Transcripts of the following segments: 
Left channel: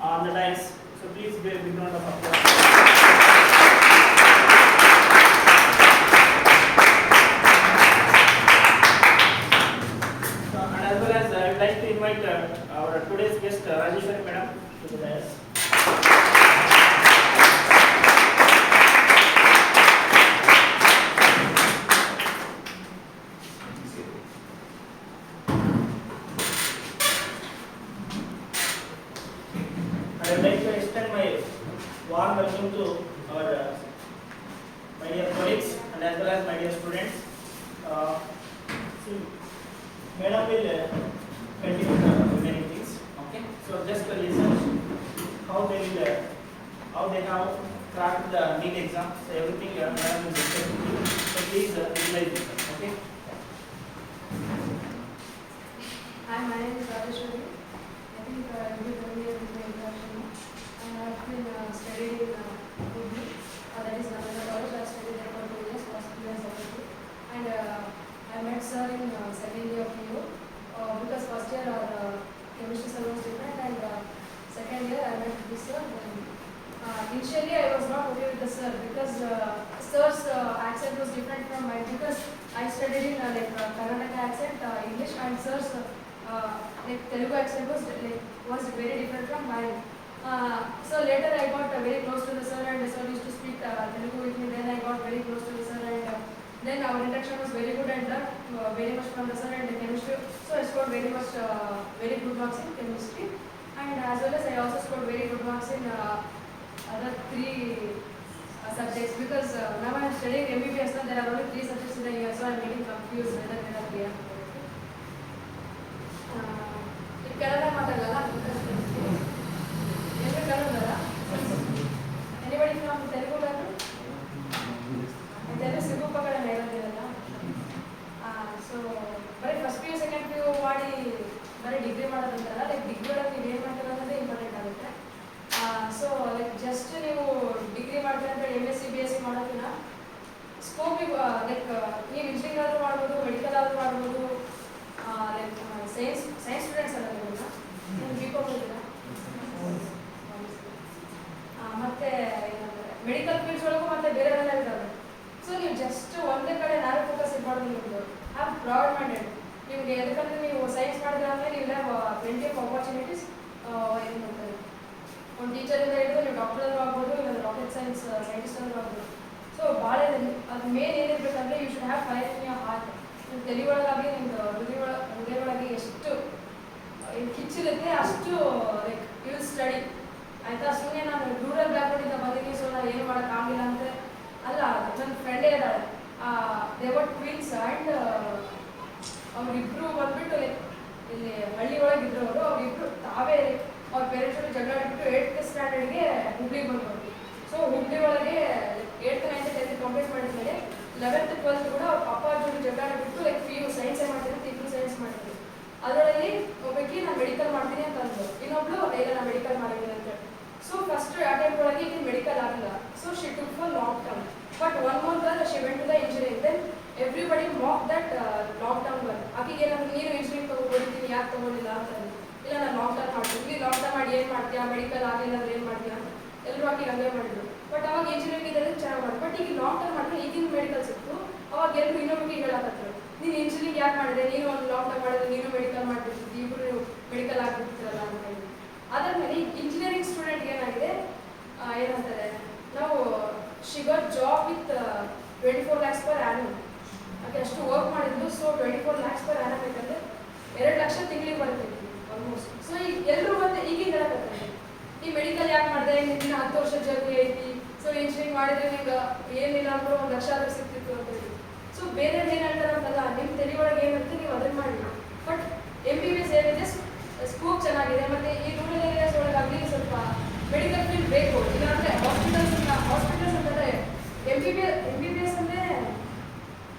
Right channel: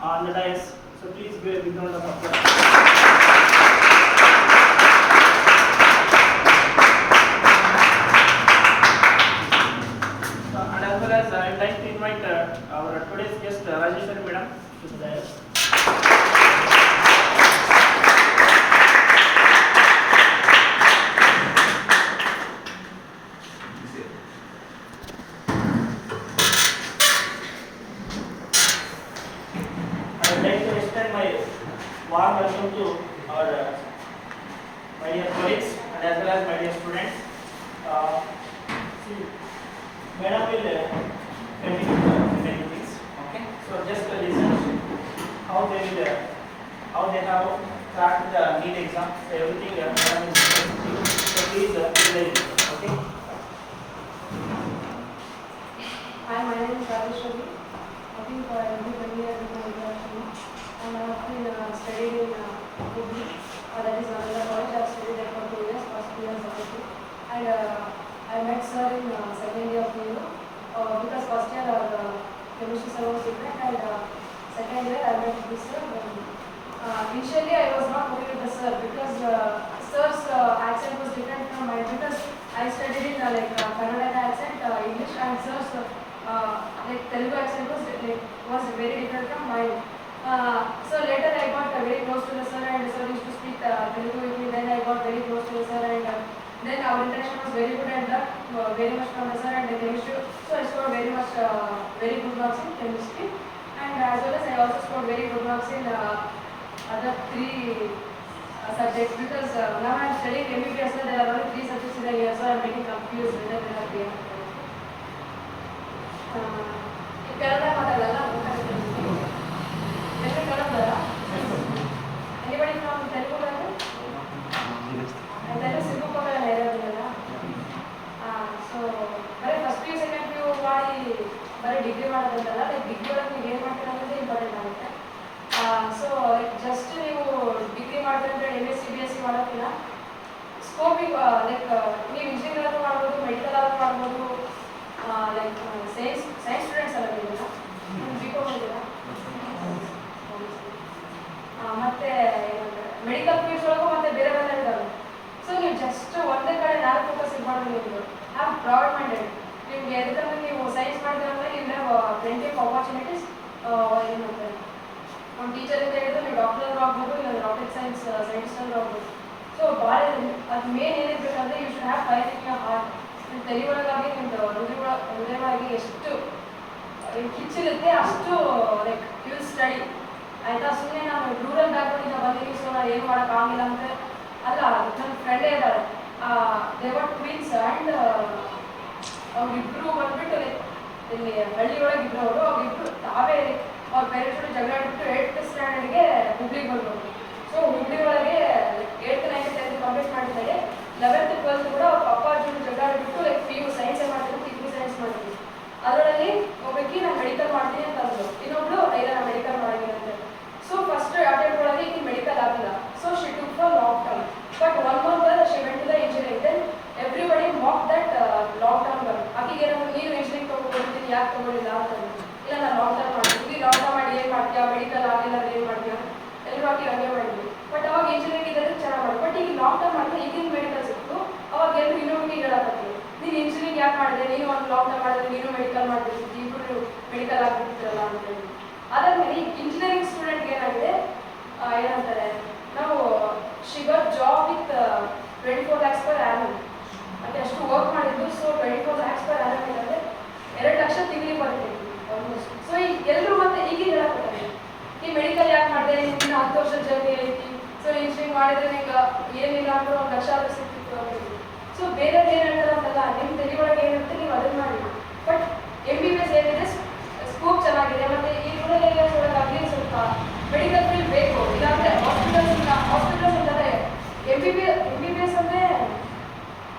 on the dais. So please be a big round of applause. And as well as I'd like to invite our today's guest Rajeshwari Madam to the dais. I would like to extend my warm welcome to our my dear colleagues and as well as my dear students. Madam will continue many things. Okay, so just listen how they will how they have cracked the NEET exam. So everything Madam is discussing. So please utilize it. Okay. Hi, my name is Rajeshwari. I think I will be familiar with my introduction. And I have been studying in Hubli, that is another college. I have studied there for 2 years, first 2 years ago. And I met sir in second year of PU because first year our chemistry sir was different, and second year I met this sir. Initially I was not okay with the sir because sir's accent was different from mine, because I studied in Kannada accent, English, and sir's Telugu accent was very different from mine. So later I got very close to the sir, and sir used to speak Telugu with me. Then I got very close to the sir, and then our interaction was very good, and learned very much from the sir and the chemistry. So I scored very good marks in chemistry, and as well as I also scored very good marks in other 3 subjects, because now I am studying MBBS, so there are only 3 subjects in a year, so I am getting confused whether there are 3 or 4. Kerala Matala, anybody from Telugu level? And then is Sibu Pagala Nera. So, very first PU, second PU, very degree madadantara, like degree you ಏನು ಮಾಡ್ತೀರಾ ಅನ್ನೋದೇ important ಆಗುತ್ತೆ. So like just ನೀವು degree ಮಾಡ್ತೀರಾ ಅಂತ MSc BSc ಮಾಡೋಕ್ಕಿಂತ ಸ್ಕೋಪಿಗೆ like ನೀವು engineer ಆದರೂ ಮಾಡ್ಬೋದು, ಮೆಡಿಕಲ್ ಆದರೂ ಮಾಡ್ಬೋದು, ಲೈಕ್ ಸೈನ್ಸ್ ಸ್ಟೂಡೆಂಟ್ಸ್ ಅಲ್ಲ ನೀವೆಲ್ಲ BCom ಇದ್ದೀರಾ. ಮತ್ತೆ ಮೆಡಿಕಲ್ ಫೀಲ್ಡ್ಸ್ ಒಳಗೂ ಮತ್ತೆ ಬೇರೆ ಬೇರೆ ಇದ್ದಾವೆ. ಸೊ ನೀವು ಜಸ್ಟ್ ಒಂದೇ ಕಡೆ ನಾಲ್ಕು ಫೋಕಸ್ ಮಾಡೋದು, ನಿಮ್ಮದು ಹ್ಯಾವ್ ಬ್ರಾಡ್ ಮೈಂಡೆಡ್. ನಿಮ್ಗೆ ಯಾಕಂದ್ರೆ ನೀವು ಸೈನ್ಸ್ ಮಾಡಿದ್ರೆ ಅಂದರೆ you have plenty of opportunities. ಏನು ಮಾಡ್ತಾರೆ, ಒಂದು ಟೀಚರಿಂದ ಹಿಡಿದು ನೀವು ಡಾಕ್ಟರ್ ಆಗ್ಬೋದು, ಇಲ್ಲ ರಾಕೆಟ್ ಸೈನ್ಸ್ ಸೈಂಟಿಸ್ಟ್ ಆದರೂ ಆಗ್ಬೋದು. ಸೊ ಭಾಳ ಅದು ಮೇನ್ ಏನಿರಬೇಕಂದ್ರೆ you should have fire in your heart. ನಿಮ್ಮ ತಲೆ ಒಳಗಾಗಿ ನಿಮ್ಮದು ಹೃದಯ ಒಳಗೆ ಎಷ್ಟು ಕಿಚ್ಚಿರುತ್ತೆ ಅಷ್ಟು ಲೈಕ್ ಯು ವಿಲ್ ಸ್ಟಡಿ. ಆಯಿತಾ? ಸುಮ್ಮನೆ ನಾನು ರೂರಲ್ ಬ್ಯಾಕ್ಗ್ರೌಂಡಿಂದ ಬಂದಿದ್ದೀವಿ, ಸೊ ನಾನು ಏನು ಮಾಡೋಕ್ಕಾಗಿಲ್ಲ ಅಂದರೆ ಅಲ್ಲ. ನನ್ನ ಫ್ರೆಂಡೇ ಇದ್ದಾಳೆ, ದೇವರ್ ಟ್ವಿನ್ಸ್, ಆ್ಯಂಡ್ ಅವ್ರಿಬ್ರು ಬಂದ್ಬಿಟ್ಟು ಲೈಕ್ ಇಲ್ಲಿ ಹಳ್ಳಿ ಒಳಗಿದ್ರು ಅವರು. ಅವ್ರಿಬ್ರು ತಾವೇ ಅವ್ರ ಪೇರೆಂಟ್ಸ್ ಜಗಳ ಆಡಿಬಿಟ್ಟು 8th ಸ್ಟ್ಯಾಂಡರ್ಡ್ಗೆ ಹುಬ್ಳಿಗೆ ಬಂದರು. ಸೊ ಹುಬ್ಳಿ ಒಳಗೆ 8th 9th 10th ಕಂಪ್ಲೀಟ್ ಮಾಡಿದ್ದಾರೆ. 11th 12th ಕೂಡ ಅವ್ರ ಪಪ್ಪ ಜೊತೆ ಜಗಳ ಆಡಿಬಿಟ್ಟು ಲೈಕ್ PU ಸೈನ್ಸೇ ಮಾಡ್ತೀನಿ, PU ಸೈನ್ಸ್ ಮಾಡ್ತೀನಿ. ಅದರಲ್ಲಿ ಒಬ್ಬಾಕಿ ನಾನು ಮೆಡಿಕಲ್ ಮಾಡ್ತೀನಿ ಅಂತ ಅಂದರು, ಇನ್ನೊಬ್ಳು ಇಲ್ಲ ನಾನು ಮೆಡಿಕಲ್ ಮಾಡಿದ್ದೀನಿ ಅಂತ. ಸೊ ಫಸ್ಟ್ ಅಟೆಂಪ್ಟ್ ಒಳಗೆ ಈಗ ಮೆಡಿಕಲ್ ಆಗಿಲ್ಲ. So she took for long term, but one more girl she went to the engineering. Then everybody mock that long term girl. ಆಕೆಗೆ ಏನಾದ್ರು ನೀನು ಇಂಜಿನಿಯರಿಂಗ್ ತೊಗೊಂಡಿದ್ದೀನಿ, ಯಾಕೆ ತೊಗೊಂಡಿಲ್ಲ ಅಂತ ಅಂದ್ರು. ಇಲ್ಲ ನಾನು ಲಾಂಗ್ ಟರ್ಮ್ ಮಾಡ್ತೀನಿ. ಲಾಂಗ್ ಟರ್ಮ್ ಮಾಡಿ ಏನು ಮಾಡ್ತೀಯಾ, ಮೆಡಿಕಲ್ ಆಗಿಲ್ಲ ಅಂದ್ರೆ ಏನು ಮಾಡ್ತೀಯಾ, ಎಲ್ಲರೂ ಆಕೆಗೆ ಹಂಗೆ ಮಾಡಿದ್ವಿ. ಬಟ್ ಅವಾಗ ಇಂಜಿನಿಯರಿಂಗ್ ಇದೆಲ್ಲ ಚೆನ್ನಾಗಿ ಮಾಡಿ, ಬಟ್ ಈಗ ಲಾಂಗ್ ಟರ್ಮ್ ಮಾಡಿದ್ರೆ ಈಗಿನ ಮೆಡಿಕಲ್ ಸಿಕ್ತು. ಅವಾಗ ಎಲ್ಲರೂ ಇನ್ನೊಂದು ಹೇಳಕತ್ತೀವಿ, ನೀನು ಇಂಜಿನಿಯರಿಂಗ್ ಯಾಕೆ ಮಾಡಿದೆ, ನೀನು ಒಂದು ಲಾಂಗ್ ಟರ್ಮ್ ಮಾಡಿದ್ರೆ ನೀನು ಮೆಡಿಕಲ್ ಮಾಡ್ಬಿಟ್ಟಿದ್ದಿ, ಇಬ್ಬರು ನೀವು ಮೆಡಿಕಲ್ ಆಗ್ಬಿಟ್ಟಿರಲ್ಲ ಅಂತ ಹೇಳಿ. ಅದಾದ್ಮೇಲೆ ಇಂಜಿನಿಯರಿಂಗ್ ಸ್ಟೂಡೆಂಟ್ಗೆ ಏನಾಗಿದೆ, ಏನಂತಾರೆ ನಾವು she got job with 24 lakhs per annum. అంటే ಅಷ್ಟು ವರ್ಕ್ ಮಾಡಿದ್ದು. ಸೊ 24 lakhs per annum ಅಂತಂದರೆ 2 ಲಕ್ಷ ತಿಂಗಳಿಗೆ ಬರುತ್ತೆ ಆಲ್ಮೋಸ್ಟ್. ಸೊ ಈಗ ಎಲ್ಲರೂ ಮತ್ತೆ ಈಗ ಹೇಳಕ್ಕಾಗಲ್ಲ, ಈ ಮೆಡಿಕಲ್ ಯಾಕೆ ಮಾಡಿದೆ, ನಿನ್ನ 10 ವರ್ಷ ಜರ್ನಿ ಐತಿ, ಸೊ ಇಂಜಿನಿಯರಿಂಗ್ ಮಾಡಿದ್ರೆ ನಿಂಗೆ ಏನಿಲ್ಲ ಅಂದ್ರೆ 1 ಲಕ್ಷ ಆದರೂ ಸಿಗ್ತಿತ್ತು ಅಂತ ಹೇಳಿ. ಸೊ ಬೇರೆ ಏನು ಹೇಳ್ತಾರೆ ಅಂತಲ್ಲ, ನಿಮ್ಮ ತಲೆ ಒಳಗೆ ಏನಿರುತ್ತೆ ನೀವು ಅದನ್ನು ಮಾಡಿ. ಬಟ್ MBBS ಏನಿದೆ ಸ್ಕೋಪ್ ಚೆನ್ನಾಗಿದೆ, ಮತ್ತು ಈ ರೂರಲ್ ಏರಿಯಾಸ್ ಒಳಗಾಗಲಿ ಸ್ವಲ್ಪ ಮೆಡಿಕಲ್ ಫೀಲ್ಡ್ ಬೇಕು. ಇಲ್ಲಾಂದರೆ ಹಾಸ್ಪಿಟಲ್ಸ್ ಅಂತಂದರೆ MBBS ಅಂದರೆ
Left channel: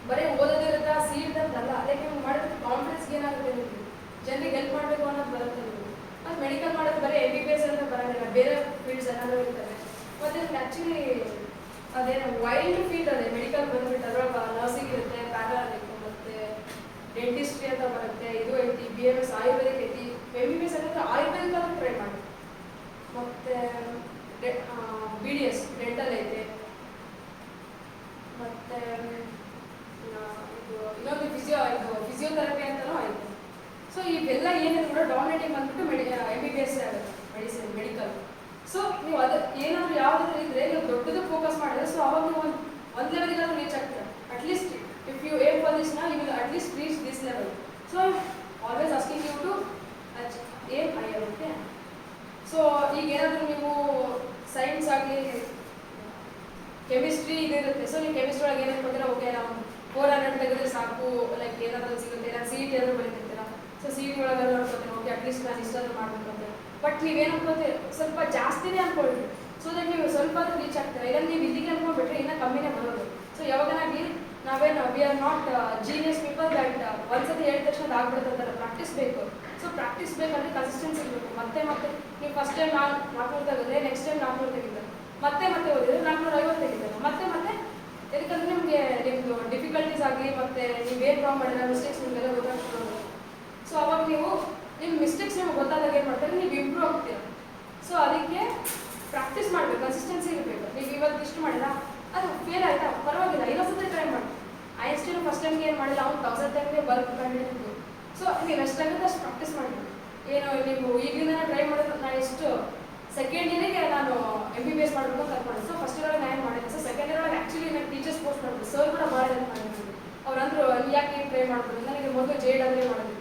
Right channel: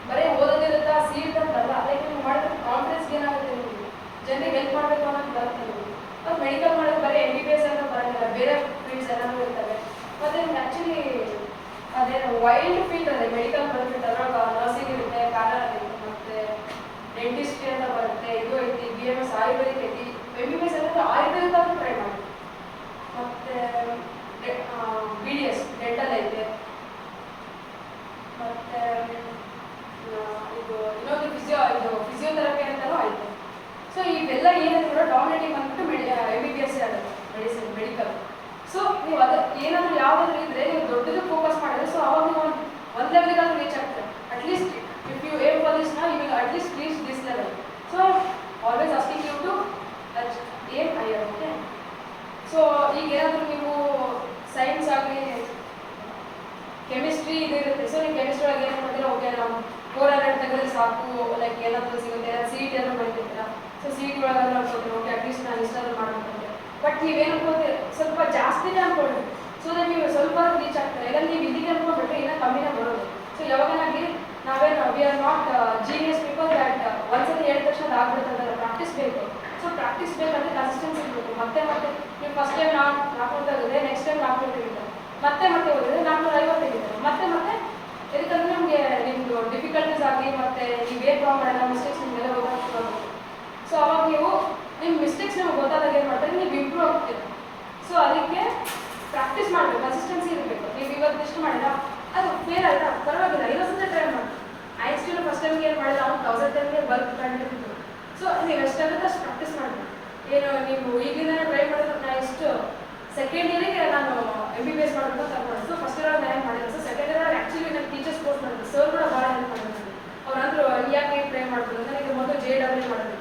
ಬರೀ ಓದೋದಿರುತ್ತಾ, ಸೀಟ್ ಅಂತಲ್ಲ. ಲೈಕ್ ನೀವು ಮಾಡಿದ್ರೆ ಕಾನ್ಫಿಡೆನ್ಸ್ಗೆ ಏನಾಗುತ್ತೆ, ನಿಮಗೆ ಜನರಿಗೆ ಹೆಲ್ಪ್ ಮಾಡಬೇಕು ಅನ್ನೋದು ಬರುತ್ತೆ ನಿಮಗೆ. ಮತ್ತು ಮೆಡಿಕಲ್ ಮಾಡೋದು ಬರೀ MBBS ಅಂತ ಬರೋದಿಲ್ಲ, ಬೇರೆ ಫೀಲ್ಡ್ಸ್ ಎಲ್ಲನೂ ಇರ್ತವೆ. ಮತ್ತು ನಿಮ್ಗೆ ಆ್ಯಕ್ಚುಲಿ ಅದೇನು ವೈಲ್ಡ್ ಫೀಲ್ಡ್ ಅದೇ ಮೆಡಿಕಲ್ ಬಂದ್ಬಿಟ್ಟು ಅದ್ರೊಳಗೆ ನರ್ಸಿಂಗ್ ಇರುತ್ತೆ, ಪ್ಯಾರಲ್ ಇರುತ್ತೆ, ಮತ್ತು ಡೆಂಟಿಸ್ಟ್ರಿ ಅಂತ ಬರುತ್ತೆ, ಇದು ಐತಿ, BMS ಆಯುರ್ವೇದಿಕ್ ಐತಿ. MBBS ಅನ್ನೋದು ಆಯುರ್ವೇದಿಕ್ ಅಂತ ಟ್ರೈ ಮಾಡಿ. ಈಗ ಏನಾದರೂ ನೀವು ಸೈನ್ಸ್ ಆಗಲಿ ಕೆಮಿಸ್ಟ್ರಿ ಇದಿರುತ್ತೆ. ಸೊ ನೀವು ಕೆಮಿಸ್ಟ್ರಿ ಒಳಗೆ ಏನು ಮಾಡಿದ್ರೆ ಓಕೆ ನಾವು 400 ತೆಗೆದ್ರೆ ಸಾಕು, ಲೈಕ್ ಏನಾದರೂ ಸಿಗುತ್ತೆ, ಸಿ ಇ ಟಿ ಆದರೂ ಬರೀತಿರ್ತೀರ. ಸೊ ಸಿ ಇ ಟಿ ಒಳಗೆ ಅನ್ಕೊತೀರಿ ಓಕೆ ಅಟ್ಲೀಸ್ಟ್ ನಾನು ಇಷ್ಟಾದ್ರೂ ಮಾಡೋಣ. ಬಟ್ ನೀವೇನು ಅನ್ಕೋತೀರಿ ಸ್ವಲ್ಪ ಜಾಸ್ತಿನೇ ಅನ್ಕೊಳ್ಳಿ. ಸೊ ದಟ್ ನೀವು ಸ್ವಲ್ಪ ರೀಚ್ ಆಗ್ತಾರೆ. ಇಲ್ಲ ನೀವು ಇಲ್ಲಿಗೆ ಅನ್ಕೊಂಡ್ಬಿಟ್ರೆ ಇನ್ನೂ ಕಮ್ಮಿನೇ ಬರೋದು. ಸೊ ಯಾವಾಗನಾಗಲಿ ನಾವೇನು we are not genius people that ಒಂದ್ಸತಿ ಹೇಳಿದ ತಕ್ಷಣ ಆಗ್ಬಿಡುತ್ತೆ. ಪ್ರಾಕ್ಟೀಸ್ ಬೇಕು. ಸೊ ಪ್ರಾಕ್ಟೀಸ್ ಬೇಕಂದ್ರೆ ಕನ್ಸಿಸ್ಟೆನ್ಸಿ ಇರಬೇಕು. ಮತ್ತೆ ನೀವು ಫಸ್ಟ್ ಟೈಮ್ 400 ತೆಗೆದ್ರೆ ನೆಕ್ಸ್ಟ್ ಟೈಮ್ 400 ತೆಗಿತಾರೆ, ಮತ್ತೆ ಓದಿದ್ರೆ 450 ತೆಗಿತಾರೆ, ಮತ್ತೆ ಇದಕ್ಕಂದ್ರೆ ನಿಮಗೆ ನಿಮ್ಮದು ಡಿಫಿಕಲ್ಟೀಸ್ ಆಗಿ ಮತ್ತೆ ನೀವೇನು ಪ್ರಾಬ್ಲಮ್ ಮಾಡಿಲ್ಲ ಮಿಸ್ಟೇಕ್ಸ್ ನಿಮಗೆಲ್ಲ ಗೊತ್ತಾಗ್ತದೆ. ಸೊ ಅವಾಗ ನೀವು ನಿಮ್ಮ ಮಿಸ್ಟೇಕ್ಸ್ ನಿಮಗೆ ಗೊತ್ತಾದಾಗ ಏನು ಮಾಡ್ತಾರೆ, ನೀವು ಇಂಪ್ರೂವ್ ಆಗ್ತೀರ. ಸೊ ಅದಕ್ಕೆ ಪ್ರಾಕ್ಟೀಸ್ ಮಾಡಬೇಕು, ಕನ್ಸಿಸ್ಟೆನ್ಸಿ ಇರಬೇಕು. ನೀವು ಇವತ್ತು ಇಷ್ಟು ಮಾಡಿಲ್ಲ ಅದು ಫೇಲ್ ಆಯ್ತಾ ಪರವಾಗಿಲ್ಲ, ಇನ್ನೊಂದ್ಸತಿ ಟ್ರೈ ಮಾಡಿ. ಐಸ್ಟಿಲ್ ಫಸ್ಟ್ ಟೈಮ್ಗೆ ಏನು ಮಾಡಿಲ್ಲ ಅವ್ನು 1000 ಟೈಮ್ಗೆ ಬಲ್ಕ್ ಕಂಡಿದ್ದು. ಸೊ ನೀವು ಎಷ್ಟಾಗುತ್ತೆ ಅಷ್ಟು ಪ್ರಾಕ್ಟೀಸ್ ಮಾಡಬೇಕು. ಏನು ನೀವು ಈಗಿಂದ ಟ್ರೈ ಮಾಡಿದ್ರೆ ನಾನು ಎಷ್ಟು ಸೆಕೆಂಡ್ ಇಯರಿಗೆ ನಾನು MBBS ಮಾಡಬೇಕು ಅಂತ ಅನ್ಕೊಂಡೆ. ಸೊ ಫಸ್ಟ್ ಇಯರ್ ನಾನು ಮಾಡಿದೆ. ಸೊ ಸೆಕೆಂಡ್ ಇಯರ್ ಆ್ಯಕ್ಚುಲಿ ನಾನು ಟೀಚರ್ಸ್ ಕೋರ್ಸ್ ಮಾಡಿದೆ. ಸರ್ ಕೂಡ ಭಾಳ ಹೆಲ್ಪ್ ಮಾಡಿದ್ರು. ಅವ್ರು ಅಂದರು ಯಾಕೆ ಟ್ರೈ ಮಾಡ್ತಾರೆ ನನಗೆ ಮೊದಲು JEE ಮಾಡಬೇಕು.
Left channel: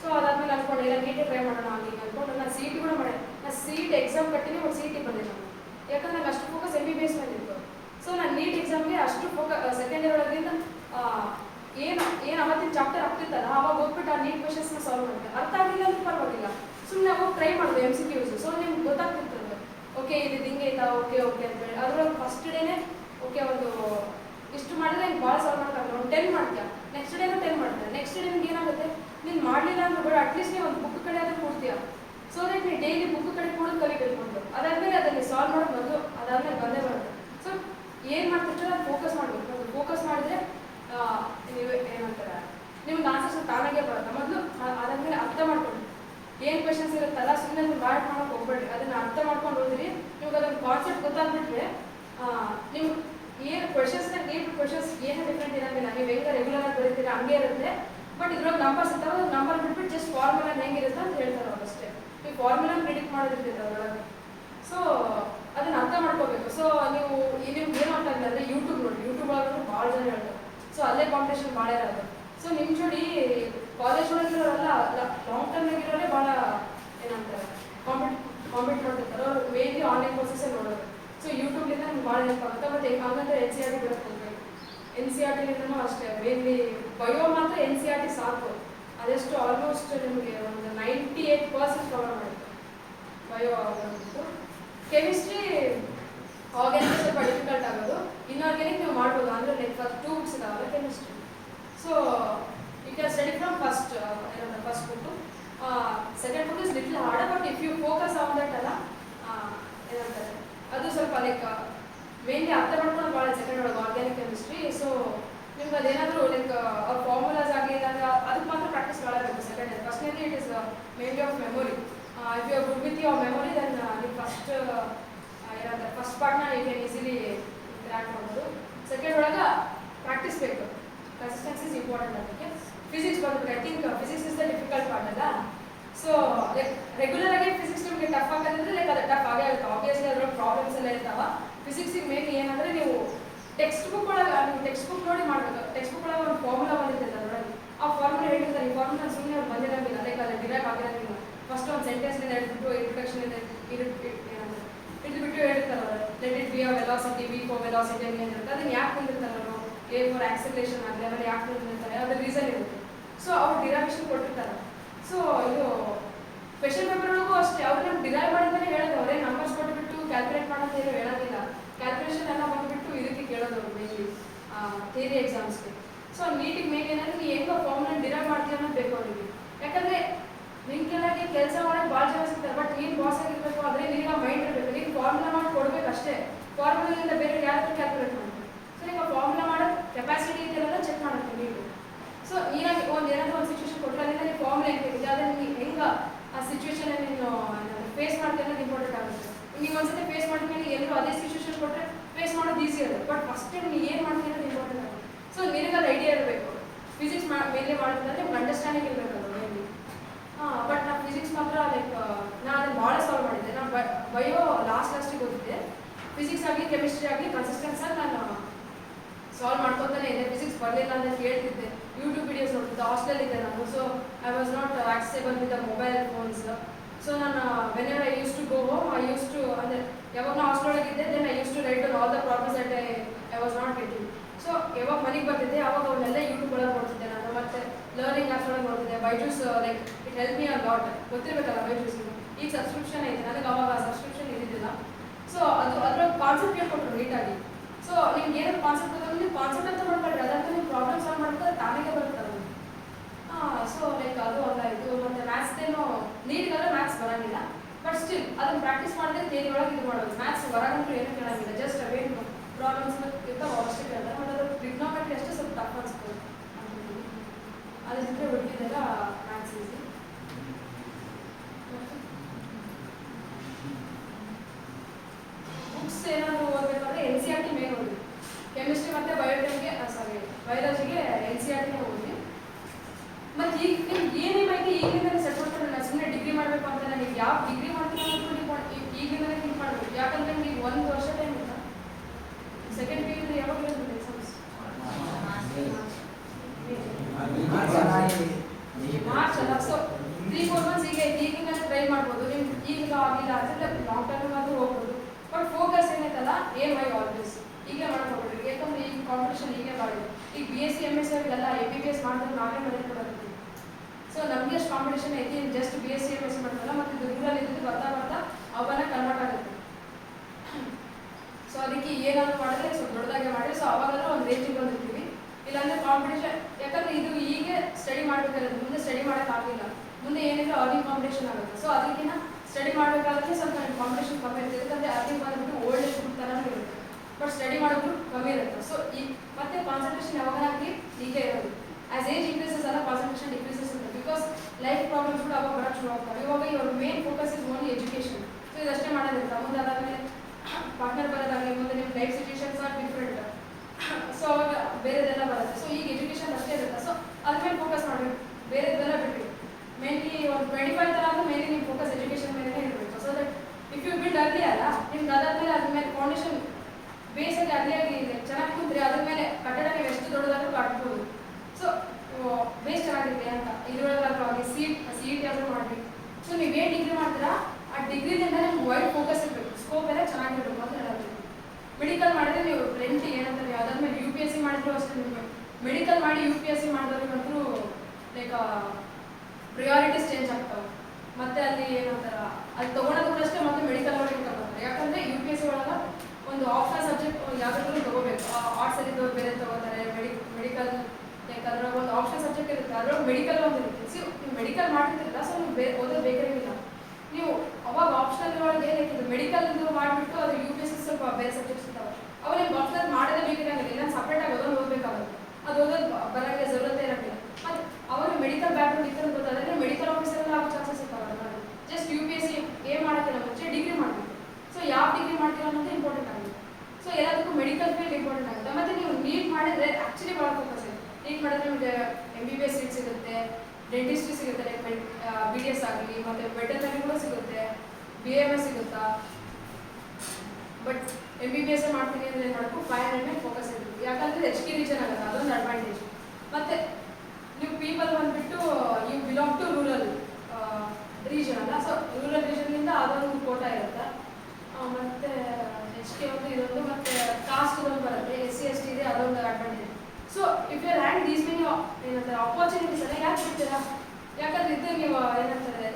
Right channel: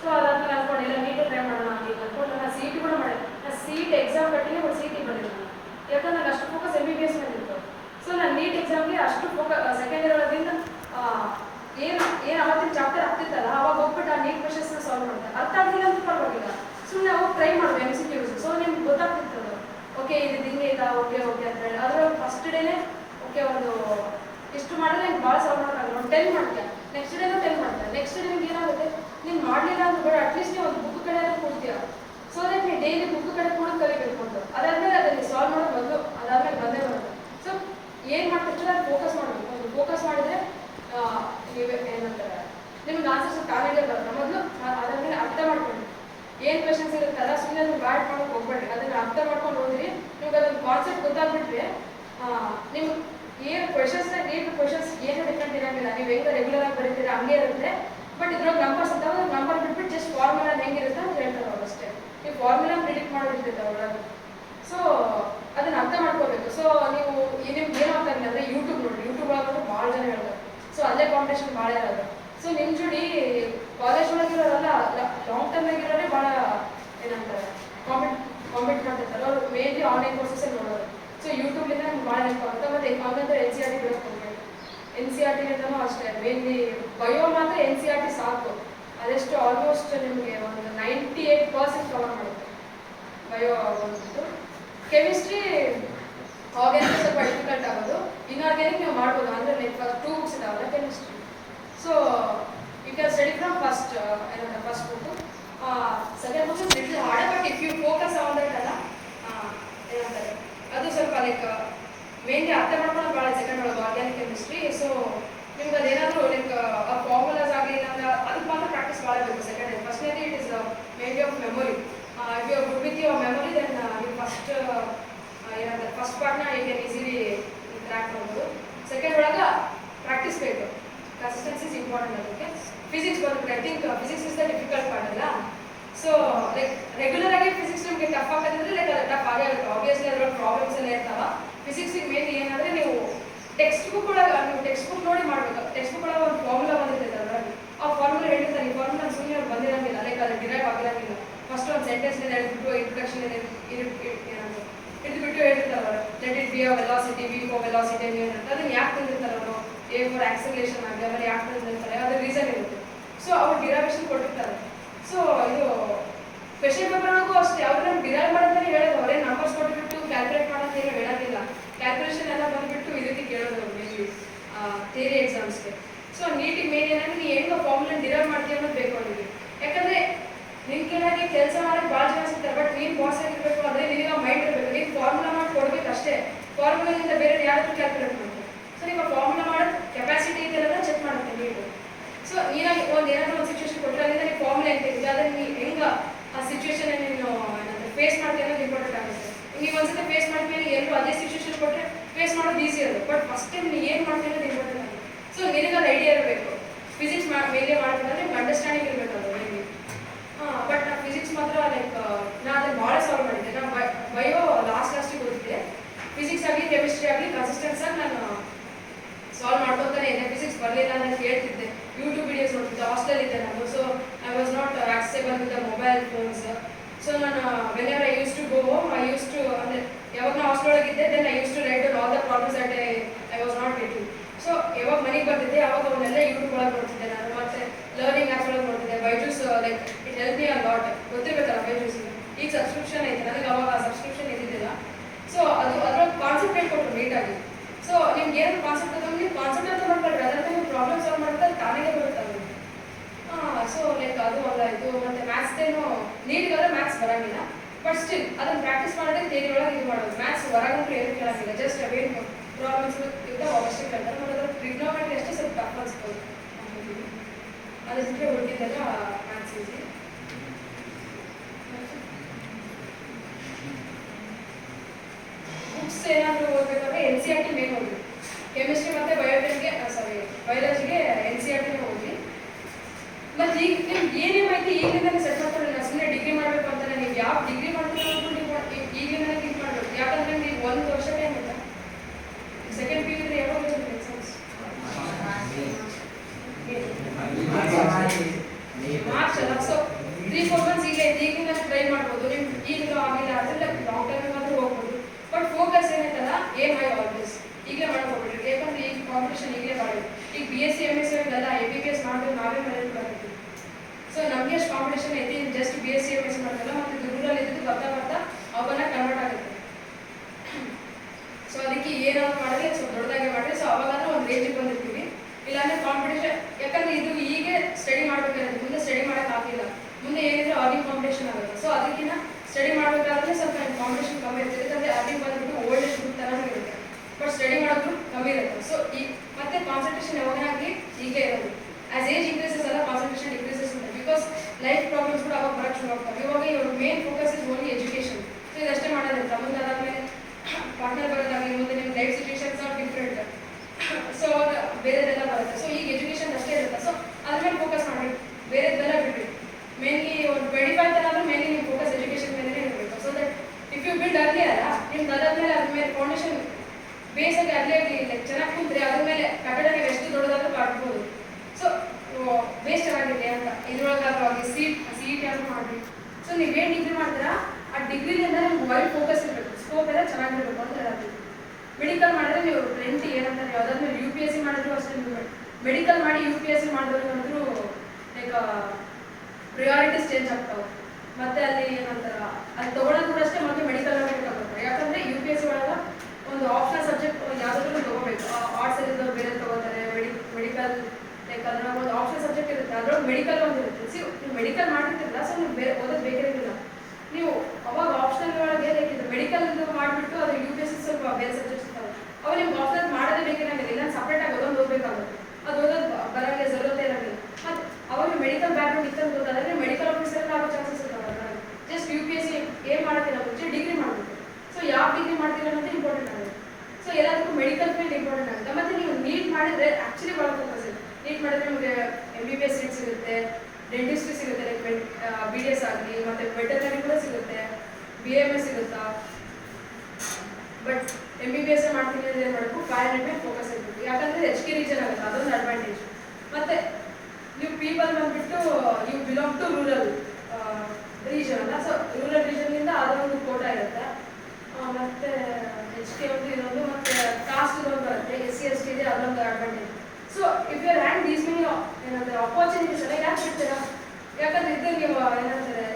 ಸೊ ಅದಾದ್ಮೇಲೆ ಅನ್ಕೊಂಡಿಲ್ಲ ನೀಟು ಟ್ರೈ ಮಾಡೋಣ ಅಂತ ಅನ್ಕೊಂಡು ನಾನು CET ಕೂಡ ಮಾಡಿದೆ. ನಾನು CET ಎಕ್ಸಾಮ್ ಕಟ್ಟಿನಿ, ಬಟ್ CET ಬಂದಿಲ್ಲ ನಾನು, ಯಾಕಂದ್ರೆ ನನಗೆ ಅಷ್ಟು ಫೋಕಸ್ MBBS ಮೇಲೆ ಇತ್ತು. ಸೊ ನಾನು ನೀಟ್ ಎಕ್ಸಾಮ್ಗೆ ಅಷ್ಟು ಸೆಕೆಂಡ್ ಇಯರ್ ಒಳಗಿಂದ ಏನು ಅವತ್ತಿನ ಚಾಪ್ಟರ್ ಆಗ್ತಿತ್ತಲ್ಲ ಅವಾಗ ಹೋಗ್ಬಿಟ್ಟು ಆ ನೀಟ್ ಕ್ವೆಶನ್ಸ್ನ ಸಾಲ್ವ್ ಮಾಡಿದೆ. ಅರ್ಥ ಆಗಲಿಲ್ಲ ಅಂತ ಪರವಾಗಿಲ್ಲ, ಸುಮ್ಮನೆ ಹೋಗಿ ಟ್ರೈ ಮಾಡಿದೆ MCQs. ಸೊ ನಿಮ್ಗೆ ಗೊತ್ತಾಗ್ತಿತ್ತು ಅದು ಓಕೆ ಇದು ಹಿಂಗೆ ಇದ್ದ ಓಕೆ ಅಂತ ಹೇಳಿ. ಅದ್ರಲ್ಲಿ ಫಸ್ಟ್ ಡೇನೇ ಓಕೆ ಒಂದು ಇಷ್ಟು ಮಾಡಿದ್ರೆ ನಿಮ್ಗೆ ಭಾಳ ಸಾಲ್ವ್ ಮಾಡೋಕ್ಕಾಗಲ್ಲ. ಒಂದು 10 ಮಾಡ್ತೀಯ, ನೆಕ್ಸ್ಟ್ ಡೇನೂ 10 ಮಾಡ್ತೀಯ. ನೆಕ್ಸ್ಟ್ ಡೇ ನಿಮ್ಗೆ ಏನಾಗುತ್ತೆ, ನೀನು ಮಾಡಲಿಲ್ಲ ಅಂದ್ರೆ ಕೂಡ ಅಟ್ಲೀಸ್ಟ್ ನೀವು ಒಂದು ಬುಕ್ ಕಡೆ ಕೊಡ್ತೀಯ. ಸೊ ದಟ್ ನೀವು ಡೈಲಿ ಬುಕ್ ಕಡೆ ಕೂಡ ಕಲಿಬೇಕು ಮೊದಲು. ಅದಾದ್ಮೇಲೆ ಅದನ್ನು ಸಾಲ್ವ್ ಮಾಡೋದು ಮೊದಲು, ಅದಾದ್ಮೇಲೆ ಬಂದೇ ಬರುತ್ತೆ. ಸೊ ಏನು ಮಾಡ್ತಿರ್ತೀರ ಅದು ಫೋಕಸ್ ಮಾಡಬೇಕು. ಫೋಕಸ್ ಮಾಡಿದ್ರೆ ನೀವು ಏನಂತಾರೆ ನಿಮ್ಗೆ ಆನ್ಸರ್ಸ್ ತಾನಾಗೆ ಬರುತ್ತೆ. ಮೊದಲು ಅದಾದ್ಮೇಲೆ ಅರ್ಥ ಮಾಡ್ಕೊಂಡು ಏನು ಕ್ವೆಶನ್ಸ್ ಇರುತ್ತಲ್ಲ ಸುಮ್ಮನೆ ನೀವು ಬ್ಯಾಟ್ ಮಾಡೋಕೆ ಹೋಗ್ಬೇಡ್ರಿ. ಅದನ್ನು ಅರ್ಥ ಮಾಡ್ಕೊಂಡು ಹೋದ್ರಿ ನಿಮ್ಗೆ ಅದೊಂದು ಕಾನ್ಸೆಪ್ಟ್ ಗೊತ್ತಾಗ್ಬಿಟ್ರೆ ನಿಮ್ಗೆ ಏನು ಕ್ವೆಶನ್ಸ್ ಏನು ಡಿಫ್ರೆಂಟ್ ಇರೋಂಗಿಲ್ಲ. ನೀವು ಹೆಂಗೆ ರೆಗ್ಯುಲರ್ ಆಗಿ ಬರೀತೀರ ಹಂಗೆ ಇರುತ್ತೆ. ಬಟ್ ಇದ್ರೊಳಗೆ ನಂಬರ್ಸ್ ಇರ್ತಾವೆ, ನಂಬರ್ ಬಿಟ್ಬಿಟ್ಟು ಜಸ್ಟ್ ಫಾರ್ಮುಲಾ ಹೆಂಗಿರುತ್ತೆ ಅಂತ ಹೇಳ್ತಾರೆ ಅವ್ರು ಅಷ್ಟೇ. ನೀವು ಫಾರ್ಮುಲಾ ಪ್ರಿಡಿಕ್ಟ್ ಮಾಡೋದಿರ್ತೈತೆ ಅವ್ರೊಳಗೆ. ಸೊ ಅದನ್ನ ಅರ್ಥ ಮಾಡ್ಕೋಬೇಕು. ಸೊ ನೀವು ನಿಮ್ಗೆ ಏನು ಅಂತ ಅಂದರೆ ಯೂಟ್ಯೂಬ್ ನೋಡಿ, ಯೂಟ್ಯೂಬ್ ಒಳಗೆ ಭಾಳ ಜನ ಹೇಳ್ತಾರೆ. ಸೊ ಅಲ್ಲೇ ಕಾಂಪಿಟೇಷನ್ ಭಾಳ ಇರೋದು. ಸೊ ನಿಮ್ಮ ಜೋಡಿ ಕಾಲೇಜ್ ಒಳಗಿರೋರೆಲ್ಲ ಲಾಂಗ್ ಟರ್ಮ್ ಆಗಿರೋರೇ ಭಾಳ ಏನಂತಾರೆ ಕಾಂಪಿಟ್ ಮಾಡ್ತಿರ್ತಾರೆ. ಅವರು ಮೇನ್ಲಿ ಆನ್ಲೈನ್ ಕೋರ್ಸಸ್ಸೇ ನೋಡೋರು. ಸೊ ಯೂಟ್ಯೂಬ್ಲಿಂದ ನಿಮ್ಗೆ ಭಾಳ ಹೆಲ್ಪ್ ಆಗುತ್ತೆ. ಮತ್ತು ಅವಂತೂ NCERT ಬಿಡೋಕೆ ಹೋಗ್ಬೇಕು. NCERTಲಿಂದನೂ ಅಷ್ಟೇ ಮೇನ್ಲಿ ಬಯೋ ಮಾತ್ರ NCERT ಸಾಕು. ಅದೆಷ್ಟು ಆಲ್ಮೋಸ್ಟ್ ನಿಮಗೆ ಒಂದು 98% ಕವರ್ ಮಾಡುತ್ತೆ ಬಯೋ ಬಂದ್ಬಿಟ್ಟು. ಕೆಮಿಸ್ಟ್ರಿ ಆರ್ಗ್ಯಾನಿಕ್ ಸ್ವಲ್ಪ ಡಿಫಿಕಲ್ಟ್ ಆಗೋದು, ಇನ್ಆರ್ಗ್ಯಾನಿಕ್ ನೀವು ಮಾಡ್ಬೋದು. ಅಂದರೆ ಲೈಕ್ ಫಸ್ಟ್ 2 ಬುಕ್ಸ್ ಇದಾವಲ್ಲ chemistry. So you can study from first book. Second book is little hard, but if you focus on that ಅಲ್ಲ ಏನಂತಾರೆ ಅದು ಸ್ವಲ್ಪ ಲೈಕ್ ಮೇನ್ಲಿ ಅರ್ಥ ಮಾಡ್ಕೊಳ್ಳೋದು ಭಾಳ ಸೆಕೆಂಡ್ ಒಳಗೆ ಆರ್ಗ್ಯಾನಿಕ್ ಕೆಮಿಸ್ಟ್ರಿ. ಸೊ ನಿಮ್ಗೆ ಅದೇನಾದರೂ ಲೈಕ್ ಫಾರ್ಮುಲಾಸ್ ಆಗಲಿ ಅಂದ್ರೆ ಅದಕ್ಕೆ ಮಾತ್ರ ಪ್ರಾಕ್ಟೀಸ್ ಭಾಳ ಬೇಕು second year. ಫಸ್ಟ್ನೇದು it is mainly of memory. If you are good with your memory then ನೀವು ಏನಂತಾರೆ first ಪಾರ್ಟ್ನ you can easily track ಮಾಡ್ಬೋದು. ಸೆಕೆಂಡ್ ಒಳಗೆ ಪ್ರಾಕ್ಟೀಸ್ ಬೇಕು, ಕನ್ಸಿಸ್ಟೆನ್ಸಿ ಇಸ್ ಇಂಪಾರ್ಟೆಂಟ್. ಅದಕ್ಕೆ ಫಿಸಿಕ್ಸ್ ಬರುತ್ತೆ. I think physics is the difficult part ಅಲ್ಲ. So like regular ಆಗಿ physics ನಿಮಗೆ ಟಫ್ ಆಗೋದಂದ್ರೆ ಲೈಕ್ ಅದು ಟಫ್ ಆಗೇ ಆಗುತ್ತೆ. ಆಬ್ವಿಯಸ್ಲಿ ಅದ್ರೊಳಗೆ ಪ್ರಾಬ್ಲಮ್ಸ್ ಎಲ್ಲ ಇರ್ತಾವೆ. ಫಿಸಿಕ್ಸಿಗೆ ಮೇನ್ಲಿ ಏನಂದರೆ ನೀವು ಟೆಕ್ಸ್ಟ್ ಬುಕ್ ನೋಡಿ ಮಾಡಬೇಕು. ಟೆಕ್ಸ್ಟ್ ಬುಕ್ ಒಳಗೆ ಒಂದು ಫಾರ್ಮುಲಾ ಬಂದಿರ್ತೈತೆ ಅದರಲ್ಲಿ. ಆ ಫಾರ್ಮುಲಾ ಹೇಳಿರ್ತಾರೆ. ಈ ಫಾರ್ಮುಲಾ ಸುಮ್ಮನೆ ಬಂದಿರೋಂಗಿಲ್ಲ, ಲೈಕ್ ಅದು ಡಿರೈವ್ ಆಗಿರೋಂಗಿಲ್ಲ. ಫಸ್ಟ್ ಒಂದು ಸೆಂಟೆನ್ಸ್ನಿಂದ ಹೇಳ್ಬಿಟ್ಟು ಇಂಟ್ರೊಡಕ್ಷನ್ ಇಟ್ಬಿಟ್ಟು ಹೇಳಿರ್ತಾರೆ ಅವರು let it be a velocity, V for velocity ಅಂತ ಹೇಳಿರ್ತಾರೆ. ಅದನ್ನು ಯಾಕೆ ತಂದಿರ್ತಾರೆ ಅವರು, A ಫಾರ್ ಆಕ್ಸಲರೇಷನ್ ಆಗಲಿ ಆಮೇಲೆ ಯಾಕೆ ತಂದಿರ್ತಾರೆ ಅದ್ರ ರೀಸನ್ ಇರುತ್ತೆ. ಸೊ ಅವ್ರು ಡಿರೈವೇಷನ್ ಕೊಟ್ಟಿರ್ತಾರೆ. ಸೊ ಇದು ಕ್ವೆಶ್ಚನ್ ಪೇಪರ್ಗೂ ಅಷ್ಟೇ ಅವ್ರು ನಮ್ಗೆ ಡಿರೈವ್ ಮಾಡೋದೇ ಹೇಳೋದು. ಅವರೇ ನಂಬರ್ಸ್ ಕೊಟ್ಬಿಟ್ಟು ಕ್ಯಾಲ್ಕುಲೇಟ್ ಮಾಡೋದು ಏನು ಹೇಳೋದಿಲ್ಲ. ಕ್ಯಾಲ್ಕುಲೇಷನ್ ಎಲ್ಲ ಬಂದುಬಿಟ್ಟು ಇದಕ್ಕೆ ಕೇಳೋದು ಮೇನ್ಲಿ ಥಿಯರಿ ಎಕ್ಸಾಮ್ಸ್ಗೆ. ಸೊ ನೀಟಿಗೆ ಮೇನ್ ಏನಂದ್ರೆ ನೀವು ಹೆಂಗೋ ಫಾರ್ಮುಲಾ ಡಿರೈವ್ ಮಾಡ್ತೀವಿ ಅನ್ನೋದು ಬೇಕು ಅವರಿಗೆ. ಯಾಕಂದರೆ ನಿನ್ನ ಕೆಳಗೆ ಕೆಲಸ ಮಾಡೋಕ್ಕೆ ಭಾಳ ಜನ ಸಿಗ್ತಾರೆ, ಬಟ್ ನೀನು ಬಾಸ್ ಆಗಿರಬೇಕು. ಆದರೆ ನಿನಗೆ ಮೈಂಡ್ ಇರಬೇಕು. ನೀನು ಫಾರ್ಮುಲಾ ಮಾಡಿ ಕೊಡಬೇಕು ಅಷ್ಟೇ. ಫಾರ್ಮುಲಾದಿಂದ ಬೇರೆ ಯಾರು ಕ್ಯಾಲ್ಕುಲೇಟ್ ಮಾಡ್ತೀವಿ. ಸೊ ನೀವು ಫಾರ್ಮುಲಾ ಮಾಡೋದು ಕೆಪಾಸಿಟಿ ಇದೆಲ್ಲ ಚೆಕ್ ಮಾಡುತ್ತೆ ನೀವು. ಸೊ ನೀನಾಗಿ ಏನಾದರೂ ಒಂದು ಸಿಚುವೇಶನ್ ಕೊಟ್ಟರೆ ನೀವು ಫಾರ್ಮುಲಾ ಅಂತ ಇದೆ ಅದನ್ನು ನೀವು ಹೆಂಗೆ ಆ ಸಿಚುವೇಶನ್ ನೀನು ಫೇಸ್ ಮಾಡ್ತೀವಿ ಅನ್ನೋದು ಇಂಪಾರ್ಟೆಂಟ್ ಆಗುತ್ತೆ. ನೀವು ಒಂದ್ಸತಿ ಫೇಸ್ ಮಾಡಿದ್ಮೇಲೆ ಎಲ್ಲರೂ ಅದೇ ಸಿಚುವೇಶನ್ ಕೊಟ್ಟರೆ ಫೇಸ್ ಮಾಡೋದು ಈಸಿ ಇರುತ್ತೆ. ಬಟ್ ಫಸ್ಟ್ ಟೈಮ್ ನೀವು ಏನು ಮಾಡ್ತೀವಿ ಅನ್ನೋದು ಇಂಪಾರ್ಟೆಂಟ್ ಆಗುತ್ತೆ. ಸೊ ನಿನಗೆ ಅದು ಐಡಿಯಾ ಇರಬೇಕು. ಫಿಸಿಕ್ಸ್ ಮೇಲೆ ಮಾಡ್ಬೇಕಂದ್ರೆ ನಿಮ್ಗೆ ಅಂಡರ್ಸ್ಟ್ಯಾಂಡಿಂಗ್ ಇರಬೇಕಲ್ಲ ಮೇನ್ಲಿ. ಬಟ್ ನಾನು ಫಿಸಿಕ್ಸ್ ಮಾತ್ರ ಲೈಕ್ ನಾನು ಅದನ್ನು ಭಾಳ ಸಾಲ್ವ್ ಮಾಡಿದ್ದೆ. ನಾನು ಬಯೋ ಲಾಸ್ಟಿಗೆ ಓದಿದ್ದೆ. ಫಿಸಿಕ್ಸ್ ಆಗಲಿ ಕೆಮಿಸ್ಟ್ರಿ ಆಗಲಿ ಕನ್ಸಿಸ್ಟೆನ್ಸಾಗಿ ನಾನು ಸಾಲ್ವ್ ಮಾಡ್ಕೊತಾನೆ ಇದೆ. ಫಿಸಿಕ್ಸ್ ಬರಲಿಲ್ಲ ಅಂತ ಹೇಳ್ತಿದ್ದೆ, ಯೂಟ್ಯೂಬ್ ವಿಡಿಯೋಸ್ ನೋಡ್ತಿದ್ದೆ. ಹಾಸ್ಟೆಲ್ ಇದ್ದೆ ನಾನು. So I was not accessible with the mobile phones. So ನಾನು whenever I use to go home I starting ಬರ್ತಿದ್ದೆ ಅವಾಗ ಅವನ್ನೆಲ್ಲ ಯೂಟ್ಯೂಬ್ ಒಳಗೆ ನೋಡ್ತಿದ್ದೆ ನಾನು, ಮತ್ತೆ ಲರ್ನಿಂಗ್ ಆ್ಯಪ್ಸ್ ಒಳಗೆ ನೋಡ್ತಿದ್ದೆ. Byju's like it help me a lot, ಗೊತ್ತಿರಬೇಕಲ್ಲ ಬೈಜೂಸಿಗೆ. ಈಗ ಸಬ್ಸ್ಕ್ರಿಪ್ಷನ್ ಐತೆ, ನನಗೆ ಅವಾಗ ಸಬ್ಸ್ಕ್ರಿಪ್ಷನ್ ಇದ್ದಿದ್ದಿಲ್ಲ. ಸೊ ಅದ್ರೊಳಗೆ ಕಾನ್ಸೆಪ್ಟ್ ಹೇಳ್ಕೊಟ್ರು ನೀಟಾಗಿ. ಸೊ ನಿಮ್ಗೆ ಏನು ಕಾನ್ಸೆಪ್ಟ್ ಅದ, ನೀವು ಕಾನ್ಸೆಪ್ಟ್ ಅಂತ ಮಾಡ್ಕೊಳ್ರಿ, ಅದಕ್ಕೆ ನೀವು ಪ್ರಾಬ್ಲಮ್ ಸಾಲ್ವ್ ಮಾಡ್ತಾರೆ ತಾನಾಗೆ ಬರುತ್ತೆ ಅದು. ಸೊ ಲೈಕ್ ಅದು ಅಲ್ಲ ಇದು. ಮತ್ತು ಮ್ಯಾಥ್ಸ್ ಏನು ನೀಟಿಗಾದ್ರೆ ಮ್ಯಾಥ್ಸ್ ಬರೋಂಗಿಲ್ಲ, ಬಟ್ ಸ್ಟಿಲ್ ಅದನ್ನು ಪ್ರಾಕ್ಟೀಸ್ ಮಾಡಿದ್ರೆ ತೇರಿ ಒಳಗೆ ಇದು ಮಾಡೋದು. ಮ್ಯಾಥ್ಸ್ ಹೊರಗಂತೂ ಏನು ಕೇಳೋಂಗಿಲ್ಲ, ಜಸ್ಟ್ ಅವೇನು ಪ್ರಾಬ್ಲಮ್ಸ್ ಇರ್ತಾವೆ ಅವಶ್ಯಕ ಹೇಳ್ತಾರೆ. ಮತ್ತು ಅದ್ರ ಟ್ರಿಗ್ನೋಮೆಟ್ರಿ ಅಷ್ಟೇ ಸ್ವಲ್ಪ ಟಫ್ ಅನ್ಸ್ಬೋದು ಅಂದ್ಕೊಳ್ತೀವಿ. ಅದಕ್ಕೆ ಹುಡುಗಿದ್ದೆಲ್ಲ ಮ್ಯಾಥ್ಸ್ ಈಸಿ. ಬುಕ್ಸ್ ಏನಾದರೂ ಓದಬೇಕಾದ್ರೆ NCERT ಮೇನ್ ಓದಿ. ಕೆಮಿಸ್ಟ್ರಿ ಮತ್ತು ಬಯಾಲಜಿಗೆ NCERTನೇ ಓದಿ. ಮತ್ತು ಈಗ ನಿಮ್ಗೆ ಏನೇನೈತಿ ಈಗಲಿಂದಲೇ ಸೆಟ್ ಮಾಡ್ಕೊಂಡು, ನಾನು ಸುಮ್ಮನೆ ಡಿಗ್ರಿ ಮಾಡಬೇಕು ಅಂತಾನೆ ನೀವು ಯಾವ ಡಿಗ್ರಿ ಮಾಡ್ತೀವಿ ಅಂದ್ಕೊಂಡು ಈಗಲಿಂದಲೇ ಥಿಂಕ್ ಮಾಡಬೇಕು. ಯಾಕಂದರೆ ನೀವು 1 ವರ್ಷ ಟೈಮ್ ಇಲ್ಲ. ಸೆಕೆಂಡ್ PU ಇದ್ರೆ ಯಾವಾಗ ಎಕ್ಸಾಮ್ಸ್? ಮಾರ್ಚ್ ಅಲ್ಲ. ಸೊ 3-4 ಮಂತ್ಸ್ ಈಗ ಐತಿ, ಈಗಿಂದ ಟ್ರೈ ಮಾಡ್ಬೋದು. ನಿಮ್ಗೆ ಈಗ ಆಗಲಿಲ್ಲ ಅಂದರೆ ಲಾಂಗ್ ಟರ್ಮಿಗಾದರೂ ಹೋಗ್ಬೋದು. ಬಟ್ ಫೋಕಸ್ ಏನೈತಲ್ಲ, ಏಮ್ ಐ ಆಲ್ವೇಸ್ ಈಗಲೇ ಮಾಡ್ಕೊಡ್ಬಿಡ್ರಿ. ಯಾಕಂದರೆ ಈಗ ಕಾಂಪಿಟೇಷನ್ ಈಗಲೇ ಮಾಡಿದ್ವಿ. ಈಗ BSc MSc ಅವರಿಗೆಲ್ಲ MBBS ಮಾಡಿದ್ರೆ ನಾವೇ ಮನೇಲಿ ಕೊಡೋದು. ಸೊ ನಮಗೆ ಅಷ್ಟು ಕಾಂಪಿಟೇಷನ್ ಐತಿ. ಜಸ್ಟ್ BSc MSc ಮಾಡ್ತಲ್ಲ, ಮತ್ತು ಇದು ರೂರಲ್ ಇದ್ದಿದ್ದು ಬರ್ತಾ ಬರ್ತಾ ಅವನ್ನ ಕನ್ವರ್ಟ್ ಆಗುತ್ತೆ. ಸೊ ಅದಕ್ಕೆ ಏನಾದ್ರು ಮಾಡಿದ್ರೆ ಸ್ವಲ್ಪ ದೊಡ್ಡದಾಗೆ ಮಾಡಿದ್ರೆ ಸೊ ಅವಾಗಾದ್ರೂ ಒಂದು ರೇಂಜಿಗೆ ಬಂದಿರ್ತೀವಿ. ಇಲ್ಲಾಂದರೆ ಕಾಂಪಿಟೇಷನ್, ಯಾಕಂದರೆ ಇದು ಈಗ ಸ್ಟಡಿ ಮಾಡಬೇಕಾದ್ರೆ ಮುಂದೆ ಸ್ಟಡಿ ಮಾಡೋಕ್ಕಾಗಲಿಲ್ಲ. ಮುಂದೆ ಏನಿದ್ರೆ ಅರ್ನಿಂಗ್ ಕಾಂಪಿಟೇಷನ್ ಆಗುತ್ತೆ. ಸೊ ಅದಕ್ಕಿಂತ ಸ್ಟಡಿ ಮಾಡಬೇಕಾದ್ರೆ ಸ್ವಲ್ಪ ಕಾಂಪಿಟೇಷನ್ ಕಮ್ಮಿ ಇರುತ್ತೆ. ಯಾಕಂದರೆ ಅರ್ನಿಂಗ್ ಬಂದ್ಬಿಟ್ಟು ಓಲ್ಡ್ ಏಜ್ ಗ್ರೂಪ್ ಥರನೇ ಇರುತ್ತೆ, ಬಟ್ ಸ್ಟಡಿ ಮಾಡೋದು ಕಮ್ಮಿ ಇರುತ್ತೆ. ಸೊ ಈ ಮತ್ತೆ ಕಾನ್ಸಂಟ್ರೇಷನ್ ಯಾವಾಗ ಆಗಲಿ ಈಗ ಇರೋದು. ಆಸ್ ಏಜ್ ಇನ್ಕ್ರೀಸಸ್ ಅಲ್ಲ, ಕಾನ್ಸಂಟ್ರೇಷನ್ ಡಿಕ್ರೀಸಸ್ ಅಂತ. ಬಿಕಾಸ್ ಲೈಫ್ ಪ್ರಾಬ್ಲಮ್ಸ್ ಕೂಡ ಅವಾಗ ಬರೋಕ್ಕೆ ಶುರು ಆಗ್ತವೆ. ಇವಾಗ main focus is only education. So ಇದಷ್ಟೇ ಮಾಡೋದಿಲ್ಲ. ಮುಂದೆ ಅದಾದಮೇಲೆ ಪಾರ್ಟ್ನರ್ ಬರೋದಾಗಲಿ, ಮುಂದೆ ನಿಮ್ಮ life situations are different. So ಅವಾಗ ಬೇರೆದೆಲ್ಲ ಬರುತ್ತೆ. ಸೊ ಈಗ ಎಜುಕೇಷನ್ ಅಷ್ಟೇ ಇರುತ್ತೆ. ಸೊ ಅದ್ರ ಮೇಲೆ ಫೋಕಸ್ ಮಾಡಬೇಕು, ಬೇರೆದೆಲ್ಲ ಬಿಡಬೇಕು. ಮೇನ್ಲಿ ಒಂದು 25 ಥರ ಆದರೂ ಮೇನ್ಲಿ ನಿಮ್ಮ ಫೋಕಸ್ ಎಜುಕೇಷನ್ ಮೇಲೆ ಇರಬೇಕು. So that if you build early ಅಲ್ಲ, ನಿಮ್ಗೆ ಅದಾದಮೇಲೆ ಅದ್ರ ಮೇಲೆ ಫೌಂಡೇಶನ್ ಬೇಸಾಗಿ ಅರ್ಲಿಯಾಗಿ ಚೆನ್ನಾಗಿ ಕುಂತ್ರೆ ಅದ್ರ ಮೇಲೆ ಕಟ್ಟಡ ನೀವು ಎಷ್ಟು ದೊಡ್ಡದಾದ್ರೂ ಕಟ್ಬೋದು. ಸೊ ಬೇಸ್ ಚೆನ್ನಾಗಿದೆ ಅಂತ ಇದ್ರೊಳಗಾದ್ರೂ ಆಗಿ CET ಆದರೂ ಮಾಡಬೇಕು. ಸೊ ನೀವೇನು ಡಿಗ್ರಿ ಮಾಡ್ತೀರಾ ಆ ಡಿಗ್ರಿಲಿಂದ ನಿಮ್ಗೆ ವೈಡ್ ಫೋಕಸ್ ಇರಬೇಕು, ಸ್ಕೋಪ್ ಎಲ್ಲ ಚೆನ್ನಾಗಿರಬೇಕು ಅಂತ ಹೇಳೋದು. ಮೆಡಿಕಲ್ ಮಾಡಿದ್ರೆ ನೀವು ಪ್ಲೆಂಟಿ ಏನಂತ, ನೀವು ಅದಾದ್ಮೇಲೆ UPSC ಮಾಡಿದ್ರು ಅಷ್ಟೇ. ನೀವು ಮೆಡಿಕಲ್ ಮಾಡಿ UPSC ಮಾಡಿದ್ರಂತೂ ಲೈಕ್ ಪ್ರಿಯಾರಿಟೀಸ್ ಚೇಂಜ್ ಆಗ್ತಾವೆ. ಮತ್ತು ಅಲ್ಲಿ ಏನಂತಾರ ಅಲ್ಲಿ ತೊಗೊಳೋದು ಕೂಡ ಅಷ್ಟೇ. ಮತ್ತು ಮೆಡಿಕಲ್ ತಗೋತಾರೆ, ಯಾಕಂದರೆ UPSC ಒಳಗೆ ಒಂದು ಆಪ್ಷನಲ್ ಸಬ್ಜೆಕ್ಟ್ ಯಾವುದಾದ್ರೂ ತೊಗೋಬೇಕು. ಆರ್ಟ್ಸಲ್ಲಿದ್ದವ್ರು ಬೇರೆ ತೊಗೋತಾರೆ, ಮೆಡಿಕಲ್ ಲೈಕ್ ಅದ್ರಾಗ ಒಂದು ಆಪ್ಷನಲ್ ಸಬ್ಜೆಕ್ಟ್ ಇರುತ್ತೆ, ಅದ್ರೊಳಗೆ ಮೆಡಿಕಲ್ ಒಂದು ಇರುತ್ತೆ. ನೀವು ಮೆಡಿಕಲ್ ಮಾಡ್ತಿರಲಿಲ್ಲ, ಸೊ ನೀವು ಬೇರೆ ಓದೋದು ಬೇಕಿರೋಂಗಿಲ್ಲ. ನೀವು ಅವಾಗ ಆಪ್ಷನಲ್ ಒಳಗೆ ಲೈಕ್ ಇದು ಮೆಡಿಕಲ್ ಮಾಡಿಬಿಟ್ಟು ಅದು UPSC ಸ್ವಲ್ಪ ಬೇರೆ ಸಬ್ಜೆಕ್ಟ್ಸ್ ಇರ್ತಾವೆ, ಅವು ನಿಮ್ಗೆ ಆಪ್ಷನಲ್ ಮಾಡೋದೇ ಬೇಕಿರೋಂಗಿಲ್ಲ. ಇಲ್ಲ ಸಪ್ರೇಟಾಗಿ ಓದೋದು ಓದಬೇಕಾಗುತ್ತೆ. ಅದು ಓದೋದು ಬರೋಂಗೆ ಜರೂರತೆ ಇರೋಂಗಿಲ್ಲ. ಮತ್ತು ಅವಾಗ ಮೆಡಿಕಲ್ ಬ್ಯಾಕ್ಗ್ರೌಂಡ್ ಇತ್ತು ಗೊತ್ತಾದರೆ ಮೆಡಿಕಲ್ ಆಫೀಸರಲ್ಲಿ ಆಗೋ ಚಾನ್ಸಸ್ ಇರ್ತಾವೆ. ಅದರಲ್ಲಿ ಜಸ್ಟ್ UPSC ಏನು ಮಾಡೋಕ್ಕಿಲ್ಲ, ಮುಂಚೆ ಡಿಗ್ರಿ ಮಾಡಬೇಕು. ಸೊ ಯಾವ ಡಿಗ್ರಿ ಮಾಡ್ತೀರ ಅನ್ನೋದು ಇಂಪಾರ್ಟೆಂಟ್ ಆಗುತ್ತೆ. ಸೊ ಎಲ್ಲದಕ್ಕೂ ಮೆಡಿಕಲ್ ಫೀಲ್ಡ್ ಇಂಪಾರ್ಟೆಂಟ್ ಆಗುತ್ತೆ. ಮತ್ತು ನೀವು ನೀಟ್ ಮಾಡಿದರೆ ಆ್ಯಕ್ಚುಲಿ ಭಾಳ ಫೋಕಸ್ ಇದೆ. ನೀಟ್ ಮಾಡಿದ್ರೆ ನಿಮಗೆ MBBS ಸೀಟ್ ಸಿಗುತ್ತೆ, ಡೆಂಟಿಸ್ಟ್ರಿ ಸಿಗುತ್ತೆ, ಲೈಕ್ BDS ಆಗಲಿ, ಮತ್ತು ವೆಟರ್ನರಿ ಕೂಡ ಸಿಗುತ್ತೆ, BAMS ಸಿಗುತ್ತಾ. ಬಟ್ MBBS ಮಾಡ್ತೀನಿ ಅಂದರೆ ಏನು ಮಾಡಬೇಕು, 500 ಮೇಲೆ ಫೋಕಸ್ ಇರಬೇಕು. ಯಾಕಂದರೆ HK ರೀಜನ್ ಆಗುತ್ತೆ, ಅದೊಂದು ಅಡ್ವಾಂಟೇಜ್. ಮತ್ತು ನೀವು ಪೀಪಲ್ ಬಂದುಬಿಟ್ಟು you belong to rural region ಅಲ್ಲ. ಸೊ ರೂರಲ್ ರೀಜನ್ನಿಂದ ಅದೊಂದು ಕೋಟ ಇರುತ್ತೆ. ಮತ್ತು HK ಒಂದು ಇದೊಂದು, ಮತ್ತು ಕಾಸ್ಟ್ ಇದೊಂದು ಬರುತ್ತೆ, SC ST ಇದೆ, ಅದೊಂದು advantage. So if you rank these many ಏನಂತಾರೆ ಅಪಾರ್ಚುನಿಟೀಸ್ ಎಲ್ಲ ಯಾಕೆ ಬಿಡ್ತೀರಾ? ಯಾಕಂದರೆ ಇದು ನೀವು ಏನಂತಾರೆ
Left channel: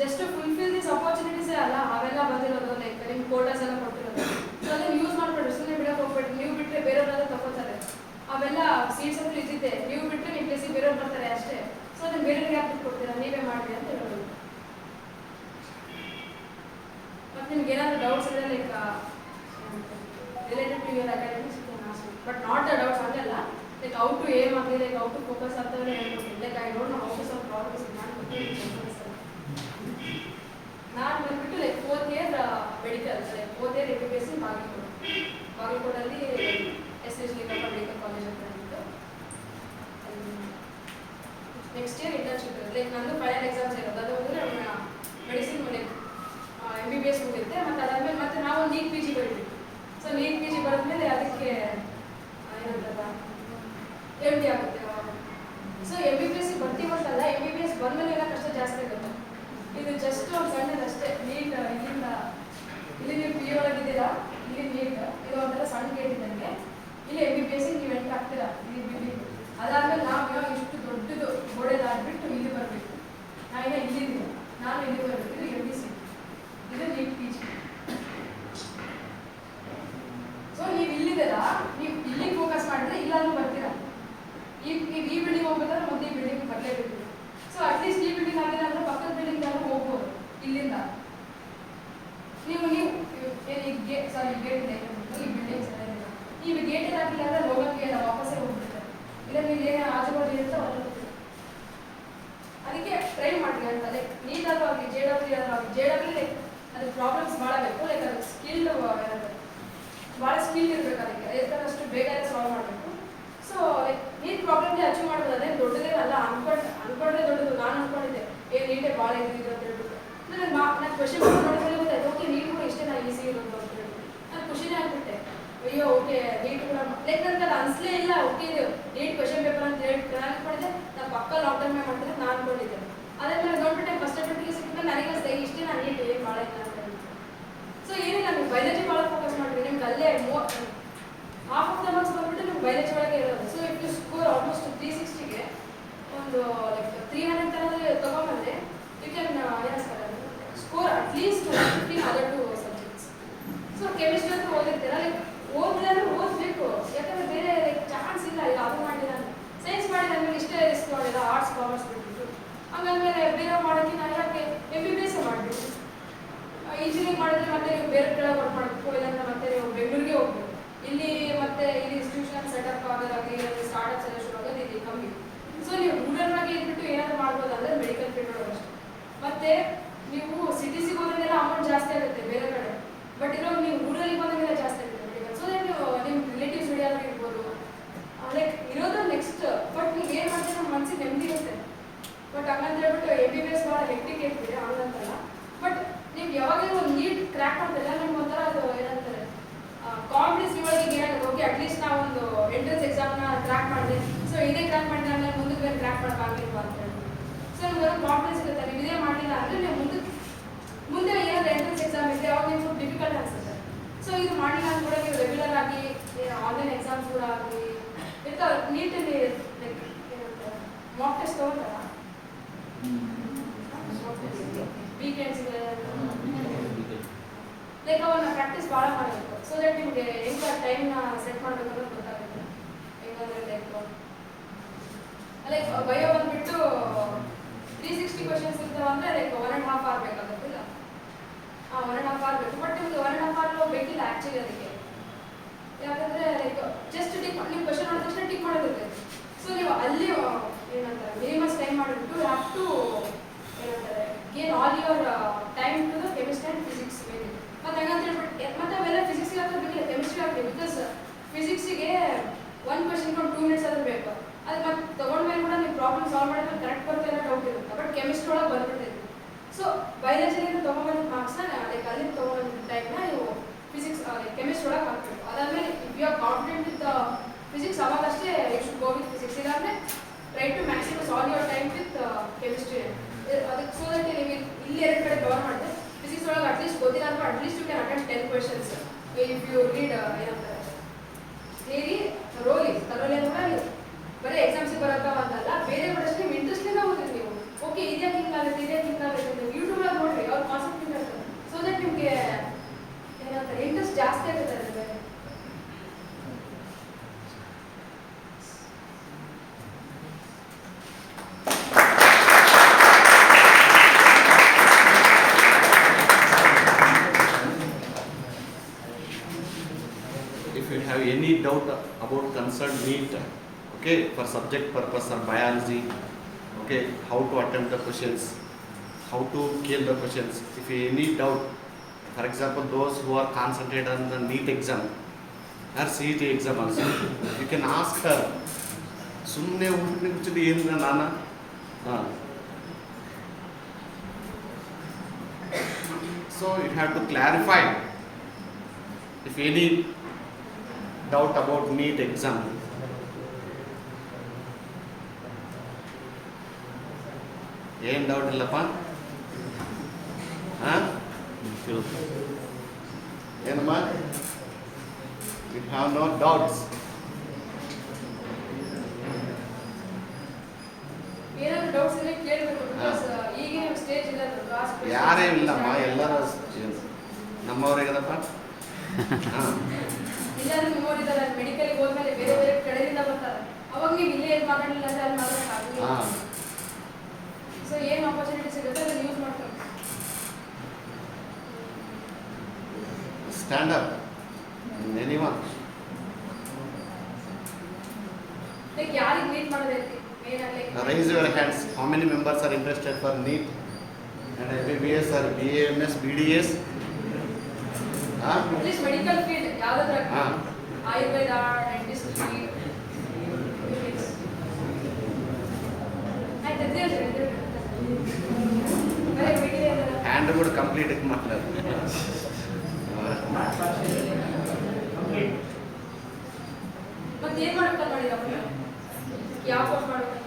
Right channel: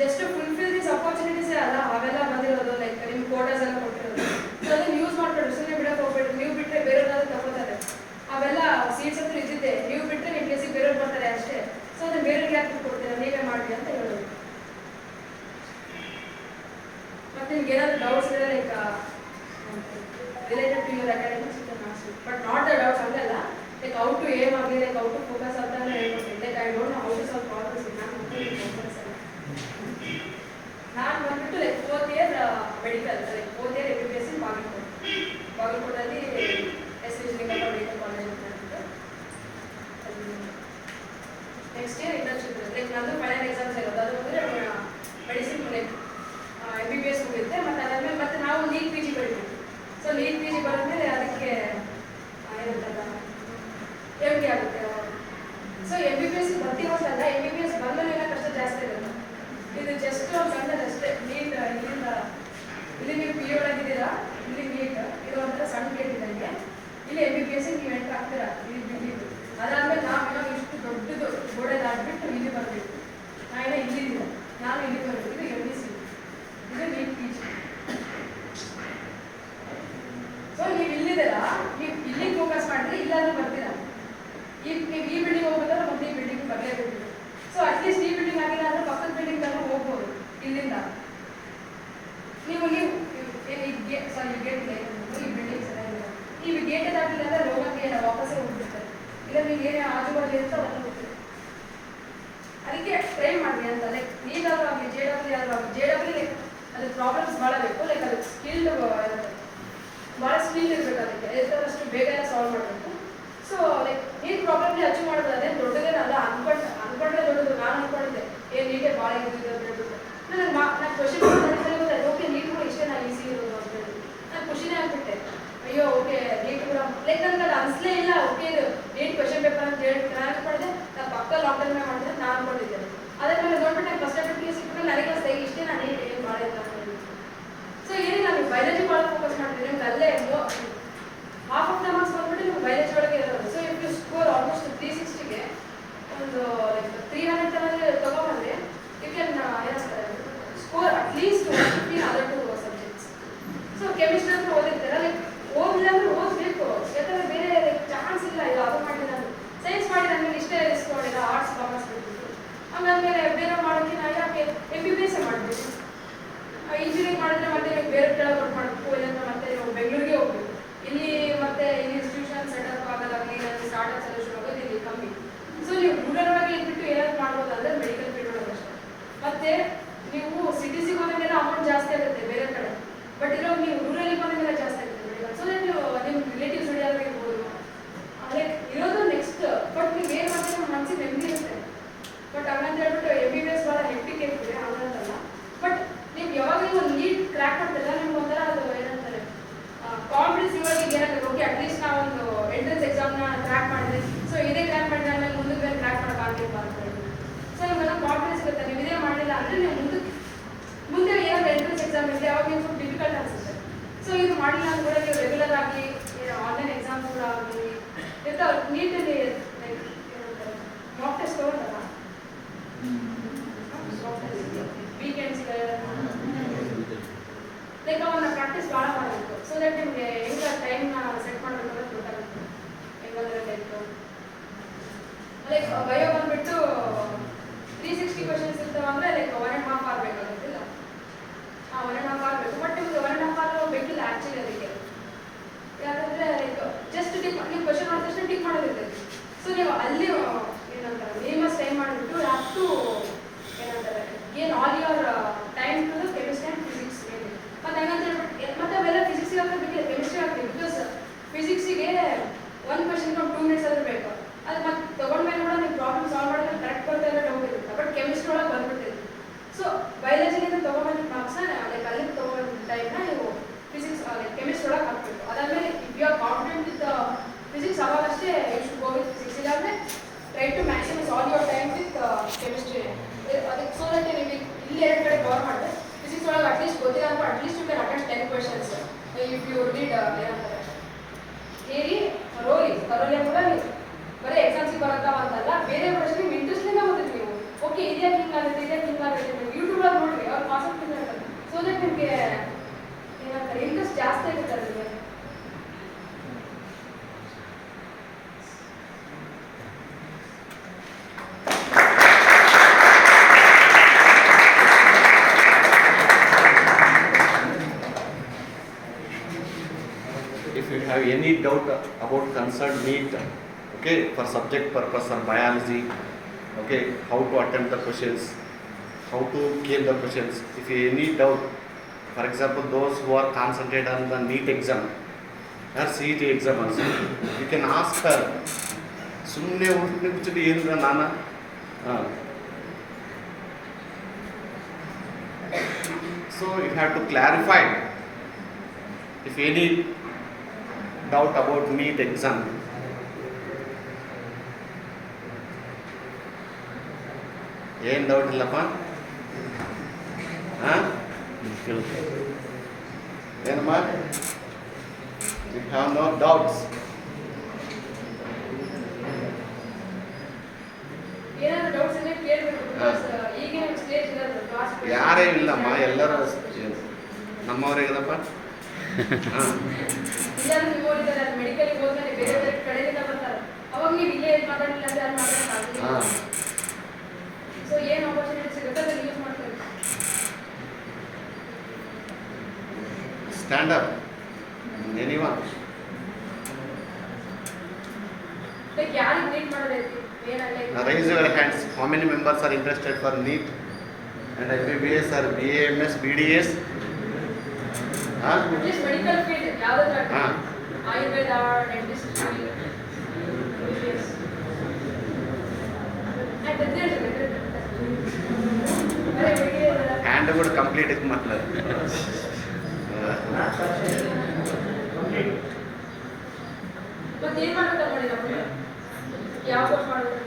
ಜಸ್ಟ್ ಫುಲ್ಫಿಲ್ ದೀಸ್ ಅಪಾರ್ಚುನಿಟೀಸೇ ಅಲ್ಲ ಅವೆಲ್ಲ ಬಂದಿರೋದು. ಲೈಕ್ ನಿಮ್ಮ ಕೋಟರ್ಸ್ ಎಲ್ಲ ಕೊಟ್ಟಿರೋದು. ಸೊ ಅದನ್ನು ಯೂಸ್ ಮಾಡ್ಕೊಡ್ರಿ, ಸುಮ್ಮನೆ ಬಿಡೋಕೆ ಹೋಗ್ಬೇಡ್ರಿ. ನೀವು ಬಿಟ್ಟರೆ ಬೇರೆಯವ್ರನ್ನ ತಗೋತಾರೆ. ಅವೆಲ್ಲ ಸೀಟ್ಸ್ ಅಂತೂ ಇದ್ದಿದ್ದೆ, ನೀವು ಬಿಟ್ಟರೆ ನಿಮ್ಮ ಪ್ಲೇಸಿಗೆ ಬೇರೆಯವ್ರು ಬರ್ತಾರೆ ಅಷ್ಟೇ. ಸೊ ಅದನ್ನು ಬೇರೆಯವ್ರಿಗೆ ಯಾಕೆ ಕೊಡ್ತೀರಾ, ನೀವೇ ಮಾಡಿ ಅಂತ ಹೇಳೋದು. ಮತ್ತು ನಿಮ್ಗೆ ಏನಾದರೂ ಡೌಟ್ಸ್ ಇದ್ರೆ like related to your academics but not the doubts ಹಂಗಲ್ಲ. ಲೈಕ್ ಔಟ್ ಟು ಏಮ್ ಆಗಲಿ, ಲೈಕ್ ಔಟ್ ಟು ಫೋಕಸ್ ಅಂತಲೇ ಹೇಳ್ಕೊಡ್ತೀನಿ. Like I don't know how to solve problems. ನಾನು ಬಂದ್ಬಿಟ್ಟು like 4th year medical, like 4th year MBBS ಬಾಗಲಕೋಟಲ್ಲಿ SH medical college ಅಂತ ಅಂದ್ಬಿಟ್ಟು next year internship ಇರುತ್ತೆ. ಲೈಕ್ ನಂದು ಫೈನಲ್ ಎಕ್ಸಾಮ್ಸ್ ಇರೋದು. ಅದು ಅಂದರೆ ಮೆಡಿಸಿನ್ ಲೈಕ್ MBBS ಮುಗಿಯುತ್ತೆ. ಮತ್ತು ಅದಾದಮೇಲೆ ಮತ್ತೆ ನಾವು ನೀಟ್ PG ಬರೀತೀವಿ. ಸೊ ನೀಟ್ PG ಬರೆದ್ಮೇಲೆ ಅದಕ್ಕೆ ಏನಂತಲ್ಲ MD ಆಗುತ್ತೆ ಅವಾಗ. ಸೊ MBBS ಬರ್ತೀವಲ್ಲ, MBBS ಬಂದಮೇಲೆ ಏನೋ ಕಷ್ಟ ಜಾಸ್ತಿ ಇರುತ್ತೆ. ಇದು ಜಸ್ಟ್ ಒಂದು ಸಣ್ಣದಷ್ಟೇ. ನೀಟ್ ಇಲ್ಲಿಂದ ಇಲ್ಲಿ ನೀವು PU ಒಳಗಿದ್ದೀರಾ, ಇಲ್ಲಿ ನೀಟ್ ಇದು ಒಂಥರ ಸಣ್ಣ ಗೇಟ್ ಇದ್ದಂಗೆ. ಇಲ್ಲಿ MBBS ನೀವು ಎಂಟ್ರ್ ಆಗ್ತೀರಾ, ಇಲ್ಲಿ ನೀವು ಇಲ್ಲಿಗೆ ಫೋಕಸ್ ಮಾಡಿದ್ರೆ ಇಲ್ಲಾದ್ರೂ ಬರ್ತೀರಾ. ಈಗ ನೀವು ಈ ಬಿಲ್ಡಿಂಗ್ ಹೋಗ್ಬೇಕಾದ್ರೆ ಮತ್ತೆ ಈ ಬಿಲ್ಡಿಂಗ್ ಬರಲೇಬೇಕು. ಸೊ ಅಟ್ಲೀಸ್ಟ್ ಈ ಬಿಲ್ಡಿಂಗ್ ಆಗಿಲ್ಲ ಅಂದ್ರೆ ಪಕ್ಕದ ಬಿಲ್ಡಿಂಗ್ ತಾನು ಹೋಗ್ಬೋದು ಇಲ್ಲಿಂದ. ನೀವು ಗೇಟ್ ಈ ಬಿಲ್ಡಿಂಗ್ ಚೆನ್ನಾಗಿಲ್ಲ, ನೀವು ಗೇಟ್ ಹಾಕಿಲ್ಲ ಅಂದ್ರೆ ಹೋಗೋಕ್ಕೆ ಇಲ್ಲ, ವಾಪಸ್ಸೇ ಹೋಗ್ಬಿಡ್ತಾರೆ. ಇಲ್ಲ ನೀವು ಏನೇ ಆಜು ಬಾಜು ಇರುತ್ತೆ ಹೊರಗೆ ಹೋಗ್ತೀವಿ. ಅದಕ್ಕೆ ಟ್ರೈ ಮಾಡಿ ಅಂತ. ಲೈಕ್ ನೀಟಾದ್ರೂ ಆಗಲಿ JW ಆದ್ರೂ ಆಗಲಿ, JW ಲೈಕ್ ಅದ್ರ ಪ್ರಾಬ್ಲಮ್ಸ್ ಭಾಳ ಬೇಕು. ಲೈಕ್ ಅದಕ್ಕೆ ಸ್ಕಿಲ್ಡ್ ಇರುತ್ತೆ, ಭಾಳ ಸ್ಕಿಲ್ ಇರಬೇಕು. ಅದಕ್ಕೆ ಎಷ್ಟಾದಷ್ಟು ಬೇಗನೆ ಸಾಲ್ವ್ ಮಾಡಬೇಕು. ಸೊ ಲೈಕ್ ನೀಟ್ ಪ್ರಾಬ್ಲಮ್ಗೆ ಅಚೀವ್ ಮಾಡೋದು ಅದೇ ದೊಡ್ಡದೇನಲ್ಲ. ಅನ್ಕೊಂಡ್ರೆ ದೊಡ್ಡದು. ನಾನು ಅನ್ಕೊಂಡಿದ್ದೆ ನೀಟೇ ಭಾಳ ಇದ್ದಿದ್ದು ಅಂತ ಹೇಳ್ಬಿಟ್ಟು ನಾನು ಕ್ವಶನ್ ನೋಡಿದ್ರೆ ಗೊತ್ತಾಯ್ತು, ಓಕೆ ನೀಟ್ ಕೂಡ ಇಷ್ಟೇ ನಾನು ಈಸಿ ಇರೋದು ಅಂತ ಹೇಳಿ ನಾನು ಖುಷಿನೇ ಆಗ್ಬಿಟ್ಟೆ. ಅಯ್ಯೋ ಓಕೆ ನೀಟ್ ಕೂಡ ಲೈಕ್ ನನಗೆ ಅದು ಅನಿಸ್ಲೇ ಇಲ್ಲ. ಓಕೆ ಇದು ನೀಟ್ ಕ್ವಶನ್ ಪೇಪರ್ ಅಂತ ಹೇಳಿ ನಾನು ಅನ್ಕೊಂಡಿದ್ದೆ, ನಾನು ಪಕ್ಕ ಲಾಂಗ್ ಟರ್ಮೇ ಮಾಡ್ತೀನಿ ನಾನು ಅನ್ಕೊಂಡಿದ್ದೆ. ಅದಾದ್ಮೇಲೆ ನೋಡ್ಬಿಟ್ಟು ನಾನು ಫಸ್ಟ್ ಅಟೆಂಪ್ಟ್ಗೆ ಸಿಕ್ಕಿದ್ರೆ ನನಗೆ ಅನಿಸ್ತಾ ಇಷ್ಟೇ ನಾನು ನೀಟ್ ಏನು ಮಾಡಿಲ್ಲ ಅಂತ ಹೇಳಿ. ಸೊ ಏನಿಲ್ಲ, ನೀವು ಬಯಾಲಜಿ ಭಾಳ ಫೋಕಸ್ ಮಾಡ್ತೀನಿ. ನಿಮ್ಗೆ ಅಲ್ಲೇ ಹಾಫ್ ಆಫ್ ದ ಮಾರ್ಕ್ಸ್ ಬಂದ್ಬಿಟ್ಟು ನಿಮ್ಗೆ ಬಯಾಲಜಿ ಒಳಗೆ ಇರೋದು. So if you score almost 360ಗೆ ಒಂದು ಲೈಕ್ 300 ತನಕ ತೊಗೊಂಡ್ಬಂದ್ರೆ you can score at least 115 other 2 subjects. So chemistry ಅಂತ ಓದಿರ್ತೀರ, ಲೈಕ್ ಓದಿಲ್ಲ ಅಂದ್ರೆ ಓದಬೇಕು. ಯಾಕಂದ್ರೆ ಬೇರೆ ಲೈಕ್ ಚಾನ್ಸ್ ಇಲ್ಲ. ಇದು ಅದು ಮಾಡಿ ನಾನು ಸೈನ್ಸ್ ಮಾಡಿ ನನಗೆ ಇಷ್ಟೇ ರಿಸ್ಕ್ ಮಾಡಿಲ್ಲ, ಆರ್ಟ್ಸ್ ಕಾಮರ್ಸ್ ಬಿಟ್ಬಿಟ್ಟು ಆಮೇಲೆ ಬೇರೆ ಮಾಡೋಕ್ಕೆ ನಾನು ಯಾಕೆ MBBS ಮಾಡಬೇಕು. ಇಂಜಿನಿಯರಿಂಗ್ ಮಾಡಿದ್ರೆ ಮತ್ತೆ ನೀವು ಬೇರೆ ಕಡೆ ವರ್ಕ್ ಮಾಡಬೇಕು, ಇಲ್ಲಾಂದ್ರೆ ಮತ್ತೆ ನೀವು ಬೆಂಗಳೂರಿಗೆ ಹೋಗ್ಬೇಕು. ಇಲ್ಲಿ ಮತ್ತೆ ಇಲ್ಲಿ ಇನ್ಸ್ಟಿಟ್ಯೂಷನ್ ಸೆಟಪ್ ಆಗೋದಾಗಲಿ ಸ್ಟಾರ್ಟಪ್ಸ್ ಎಲ್ಲ ಶುರು ಆಗೋದು ಇಲ್ಲಿ ಕಮ್ಮಿ. ಸೊ ನೀವು ರೂರಲ್ಗೆ ಇದ್ಬಿಟ್ಟು ಏನಾದ್ರು ಮಾಡ್ಬೋದು ಅಂದರೆ ಮೆಡಿಕಲ್ ಫೀಲ್ಡ್ ಒಳಗೆ ಅಷ್ಟೇ. ಮತ್ತೆ ನೀವು ಸಿಟಿಸಿಗೆ ಹೋದಂಗೆಲ್ಲ ಅಮೌಂಟ್ ಜಾಸ್ತಿ ಆಗುತ್ತೆ ಬೇರೆ ಕಡೆ, ಬಟ್ ಇರೋ ನೀವು ರೂರಲ್ಲಿಗೆ ಬಂದಂಗೆಲ್ಲ ಜಾಸ್ತಿ ಆಗುತ್ತೆ ಮೆಡಿಕಲ್. ಸೊ ದಟ್ ನೀವು ನಿಮ್ಮ ರಿಲೇಟಿವ್ಸ್ ವಿಡಿಯೋದಾಗ ಇರ್ಬೋದು, ಲೈಕ್ ಇರೋದು ನೆಕ್ಸ್ಟ್. ಬಟ್ ನೀವು ಏನು ಮಾಡ್ತೀವಿ ನಮ್ಮ ಮನಸ್ಸಿಗೆ ನೆಮ್ಮದಿ ಇರುತ್ತೆ. ಬಟ್ ಹಂಗಂತ ಹೇಳ್ಬಿಟ್ಟು MBBS ಭಾಳ ಹೆಕ್ಟಿಕ್ ಇರ್ತೀವಿ ಹಂಗಂತಲ್ಲ. ಬಟ್ ನೀವು ಯಾವಾಗ ಒಂದು ನೀಟ್ ಕ್ರ್ಯಾಕ್ ಮಾಡ್ತಿಲ್ಲ ನಿಮ್ಗೆ ಒಂಥರ ಅದು ಏನಂತಾರೆ ಕಾನ್ಫಿಡೆನ್ಸ್ ಇರೋದಕ್ಕೆ ಏನಾಗುತ್ತೆ. ಓಕೆ ಅಟ್ಲೀಸ್ಟ್ ನಾವು ಒಂದು ಎಂಟ್ರೆನ್ಸ್ ಎಕ್ಸಾಮ್ನ ಕ್ರ್ಯಾಕ್ ಮಾಡಿದೆ, ಸೊ ಇದೇ ಕ್ರ್ಯಾಕ್ ಮಾಡಿದ್ರೆ ಆಮೇಲೆ ಮುಂದಕ್ಕೆ ಬೇರೆ ಕ್ರ್ಯಾಕ್ ಮಾಡೋಕ್ಕಾಗಿಲ್ಲ ಅಂತ ಹೇಳಿ. ಸೊ ನಿಮ್ಗೆ ಕಾನ್ಫಿಡೆನ್ಸ್ ಇರುತ್ತೆ. ನೀವು ಇದೇ ಮಾಡಲಿಲ್ಲ ಅಂದರೆ ನೀವು ಮುಂದೆ ಏನಾದ್ರು ಎಂಟ್ರೆನ್ಸ್ ಎಕ್ಸಾಮ್ ಇದೆ ಅವಾಗ ನೀವು ಡಿಫಿಕಲ್ಟ್ ಅನಿಸುತ್ತೆ. ಸೊ ಇದು ಮಾಡಲಿಲ್ಲ ಅಂತ ಕೂಡ ನೀವು ರೆಗ್ಯುಲರ್ ಆಗಿ ಆನ್ಲೈನ್ ಎಕ್ಸಾಮ್ಸ್ ಕೂಡ ಆಗಲಿ ಇರ್ತಾವೆ. ನೀಟಲ್ಲಿ ಲೈಕ್ ಏನಂತಾರೆ ಮಾಕ್ ಟೆಸ್ಟ್ ತೊಗೊಂಡಲ್ಲ, ವೀಕೆಂಡ್ಸ್ ಇದೆ, ಲೈಕ್ ಅವನ್ನ ಪ್ರಾಕ್ಟೀಸ್ ಭಾಳ ಮಾಡಬೇಕು. ಸೊ ದಟ್ ನಿಮಗೆ ಹೆಂಗೆ ಟೈಮ್ನ ಸೆಟ್ ಮಾಡಬೇಕು ಅಂತ ಗೊತ್ತಾಗುತ್ತೆ. ಹೆಂಗಂದ್ರೆ ಲೈಕ್ ಬಯೋ ಬಂದ್ಬಿಟ್ಟು 360 ಕ್ವಶನ್ಸ್ ಇರ್ತಾವೆ ಅಂದರೆ ಲೈಕ್ 1.5 hour ಬೇಕಾಗುತ್ತಿಲ್ಲ. 1.5 hour ಬೇಕು. ಬಟ್ ನಿಮ್ಗೆ 1.5 hour ಬೇಕಿಲ್ಲ ಆ್ಯಕ್ಚುಲಿ ಅದಕ್ಕೆ. ಯಾಕಂದರೆ ಲೈಕ್ ಜಸ್ಟ್ ನೀವು ಕ್ವಶನ್ ಮಾಡಿದ ತಕ್ಷಣ ಟಿಕ್ ಮಾಡೋದಿರ್ತೈತೆ. ಸೊ ನೀವು ಅಲ್ಲಿ ಏನಂತಾರೆ ಮಿನಿಮಸ್ ಟೈಮ್ ಮಾಡಿಬಿಟ್ಟು ಹ್ಯಾವ್ ಟು ಏನಂತಾರೆ gain all your time to the chemistry and physics ಮೇಲೆ. ಮತ್ತು ಹಂಗಂತ ಹೇಳ್ಬಿಟ್ಟು ಮತ್ತೆ ಅವೆಲ್ಲ ಫಿಸಿಕ್ಸಿಗೆ ಹಾಕೋದು ಬೇಕಿಲ್ಲ, ಕೆಮಿಸ್ಟ್ರಿ ಹಾಕಿ. ಬಿಕಾಸ್ ಫಿಸಿಕ್ಸಿಗೆ ಒಂದು ಕ್ವಶನ್ಗೆ ಒಂದು 2 minutes ಆದರೂ ಬೇಕು. ಅದು ಮತ್ತೆ ತೊಗೊಂಡ್ಮೇಲೆ ಕೂಡ ನೀವು ಪ್ರಾಬ್ಲಮ್ ಸಾಲ್ವ್ ಮಾಡೋದು ಕರೆಕ್ಟ್ ಬರ್ತಾ ಇಲ್ಲ ಡೌಟ್ ಇರುತ್ತೆ. ಬಟ್ ಕೆಮಿಸ್ಟ್ರಿ ಒಳಗೆ ಬಂದ್ಬಿಟ್ಟಿದೆ. ಸೊ ಬಯಾಲಜಿಯಿಂದ ತೊಗೊಂಬಂದ ಮಾರ್ಕ್ಸ್ನ ಲೈಕ್ ಅಲ್ಲಿಂದ ತೊಗೊಂಬಂದ ಟೈಮ್ನ ನೀವು ಫಿಸಿಕ್ಸ್ ಲೈಕ್ ಕೆಮಿಸ್ಟ್ರಿ ಒಳಗೆ ಹಾಕಬೇಕು. ಅದಾದಮೇಲೆ if you are confident with physics ಅವಾಗಷ್ಟೇ you should go with physics. ಇಲ್ಲಾಂದರೆ try to maximum all your time with chemistry. ಅದಕ್ಕೆ ಸೊ ದಟ್ ನೀವು ಇಲ್ಲಿ 2 ಕಡೆ ಕವರ್ ಮಾಡಿದ್ರೆ ಫಿಸಿಕ್ಸ್ ಒಳಗೆ ಅಟ್ಲೀಸ್ಟ್ ಗೊತ್ತಿಲ್ಲ ಅಂದ್ರೆ at least you can attend 10 questions if you read ಏನಂತಾರೆ ಥಿಯರಿ ಥರೋಲಿ ಅಂದ್ರೆ ನೀವು ಬರೀ ಎಕ್ಸಾಮ್ಸಿಗೆ ಬರೋಕ್ಕ ಅಂತಲ್ಲ, ಬೇರೆ ಪ್ರಶ್ನೆ ನೀವು ಇಂಟ್ರೆಸ್ಟಿಂದ ಓದಿದ್ರಿ ನೀವು. ಓಕೆ ಇದ್ಯಾಕೆ ಹಿಂಗಾಗುತ್ತೆ ನೀವು ಯೂಟ್ಯೂಬ್ ಒಳಗೆ ನೋಡ್ರಿ, ಅವ್ರ ಕಾನ್ಸೆಪ್ಟ್ ಇರ್ತಾರೆ. ಸೊ ದಟ್ ನಿಮಗೆ ಏನಂತಾರೆ ಇಂಟ್ರೆಸ್ಟ್ ಜಾಸ್ತಿ ಆಗುತ್ತೆ ಅದ್ರ ಬಗ್ಗೆ. If you have any doubt about concerned NEET, okay, for subject purpose or biology, okay, how to attempt the questions, how to kill the questions. If you any doubt, for example, those who are concentrated on the NEET exam or CET exam also, you can ask her. ಸುಮ್ಮನೆ ಹುಡುಕಿ ಏನಿಲ್ಲ ನಾನು so you have to clarify if any doubt about NEET exam. ಏನು doubt ಇಲ್ಲಪ್ಪ? ಏನಮ್ಮ? You have no doubts. ಏನಾದ್ರು doubts ಇದ್ರೆ ಕೇಳಬೇಕು. ಬಿಕಾಸ್ ಈಗ ನಮ್ಮ ಸ್ಟೇಜ್ ಇದೆ ಕ್ಲಾಸ್ ಯಾರೇನಿಲ್ಲಮ್ಮ, ಎಲ್ಲರೂ ನಮ್ಮವರೇಗದಪ್ಪ. ಹಾಂ ಇಲ್ಲಾಂದ್ರೆ ನಿಮ್ಮ ಓದಿದ್ದಾರೆ ಅಲ್ಲಿ ಮೆಡಿಕಲ್ಗೆ ಹೋದ್ಮೇಲೆ ಬೇರೆ ಬೇರೆ ಕಡೆಯಿಂದ ಬರ್ತಾರೆ ಅವಾಗ ನೀವು ಇಲ್ಲೇ ಮಾತಾಡಲಿಲ್ಲ ಅಂದ್ರೆ ಅಲ್ಲಿ ಮಾಡೋಕ್ಕಾಗಲಿಲ್ಲ. ಹಾಂ ಸೊ ಏನು ಆಪರ್ಚುನಿಟಿ ಸಿಗುತ್ತೆ ಅದನ್ನು ಯೂಸ್ ಮಾಡ್ತಾರೆ. Stand up anyone. ಲೈಕ್ ಯಾರಿಗೆ meet ಮಾಡೋದೈತಿ Raise your hands. How many members are interested for NEET and MBBS or BAMS, BDS? Huh? At least medical field ಯಾವುದಾದ್ರೂ ಹಾಂ ಆಯುರ್ವೇದ ಡೆಂಟಿಸ್ಟ್ರಿ ಹ್ಯಾಂಡ್ ಕೂಡ ಕಂಪ್ಲೀಟ್ ಇದು ಮಾಡ್ತಾರೆ. Complete. ಮತ್ತೆ ಏನು ಮಾಡ್ಬೇಕಂತ ನೋಡಿ ನಮಗೆ ಯಾವ ಕೋರ್ಸ್ ಮಾಡ್ಬೇಕಂತ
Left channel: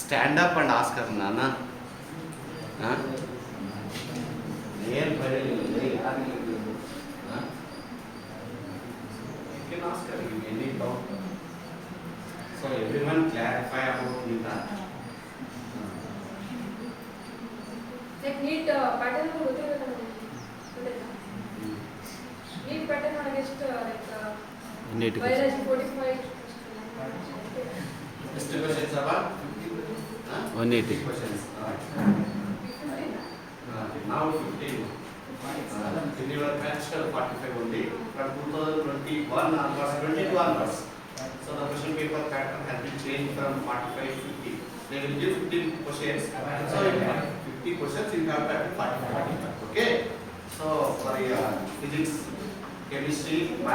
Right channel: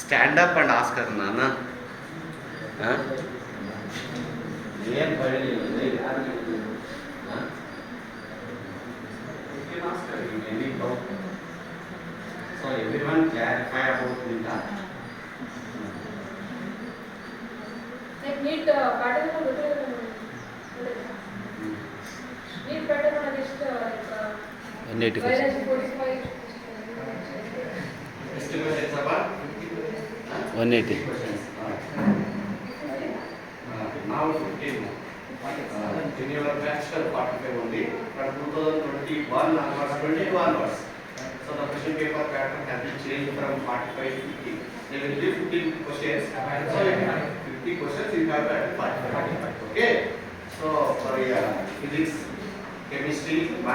ಸ್ಟ್ಯಾಂಡ್ ಅಪ್ ಅಂಡ್ ಆಸ್ಕರ್ ನಾನು ಏನು ಬರಲಿಲ್ಲ any doubt. So every one clarify about ನಿಂತ ಲೈಕ್ ನೀಟ್ ಪ್ಯಾಟರ್ನ್ ಗೊತ್ತಿರಬೇಕು ನೀಟ್ ಪ್ಯಾಟರ್ನ್ ನನಗೆ ಎಷ್ಟು ಲೈಕ್ ಬಯಾಲಜಿ 45 ಎಷ್ಟು ಕ್ವಶನ್ಸ್ ಅವ 180. questions. Now 15. In your batch 45 only. From 2021 onwards, 22 onwards. So the question paper pattern has been changed from 45 to 50. They will give 15 questions. So you have 50 questions, you have that 45. Okay. So for physics, chemistry,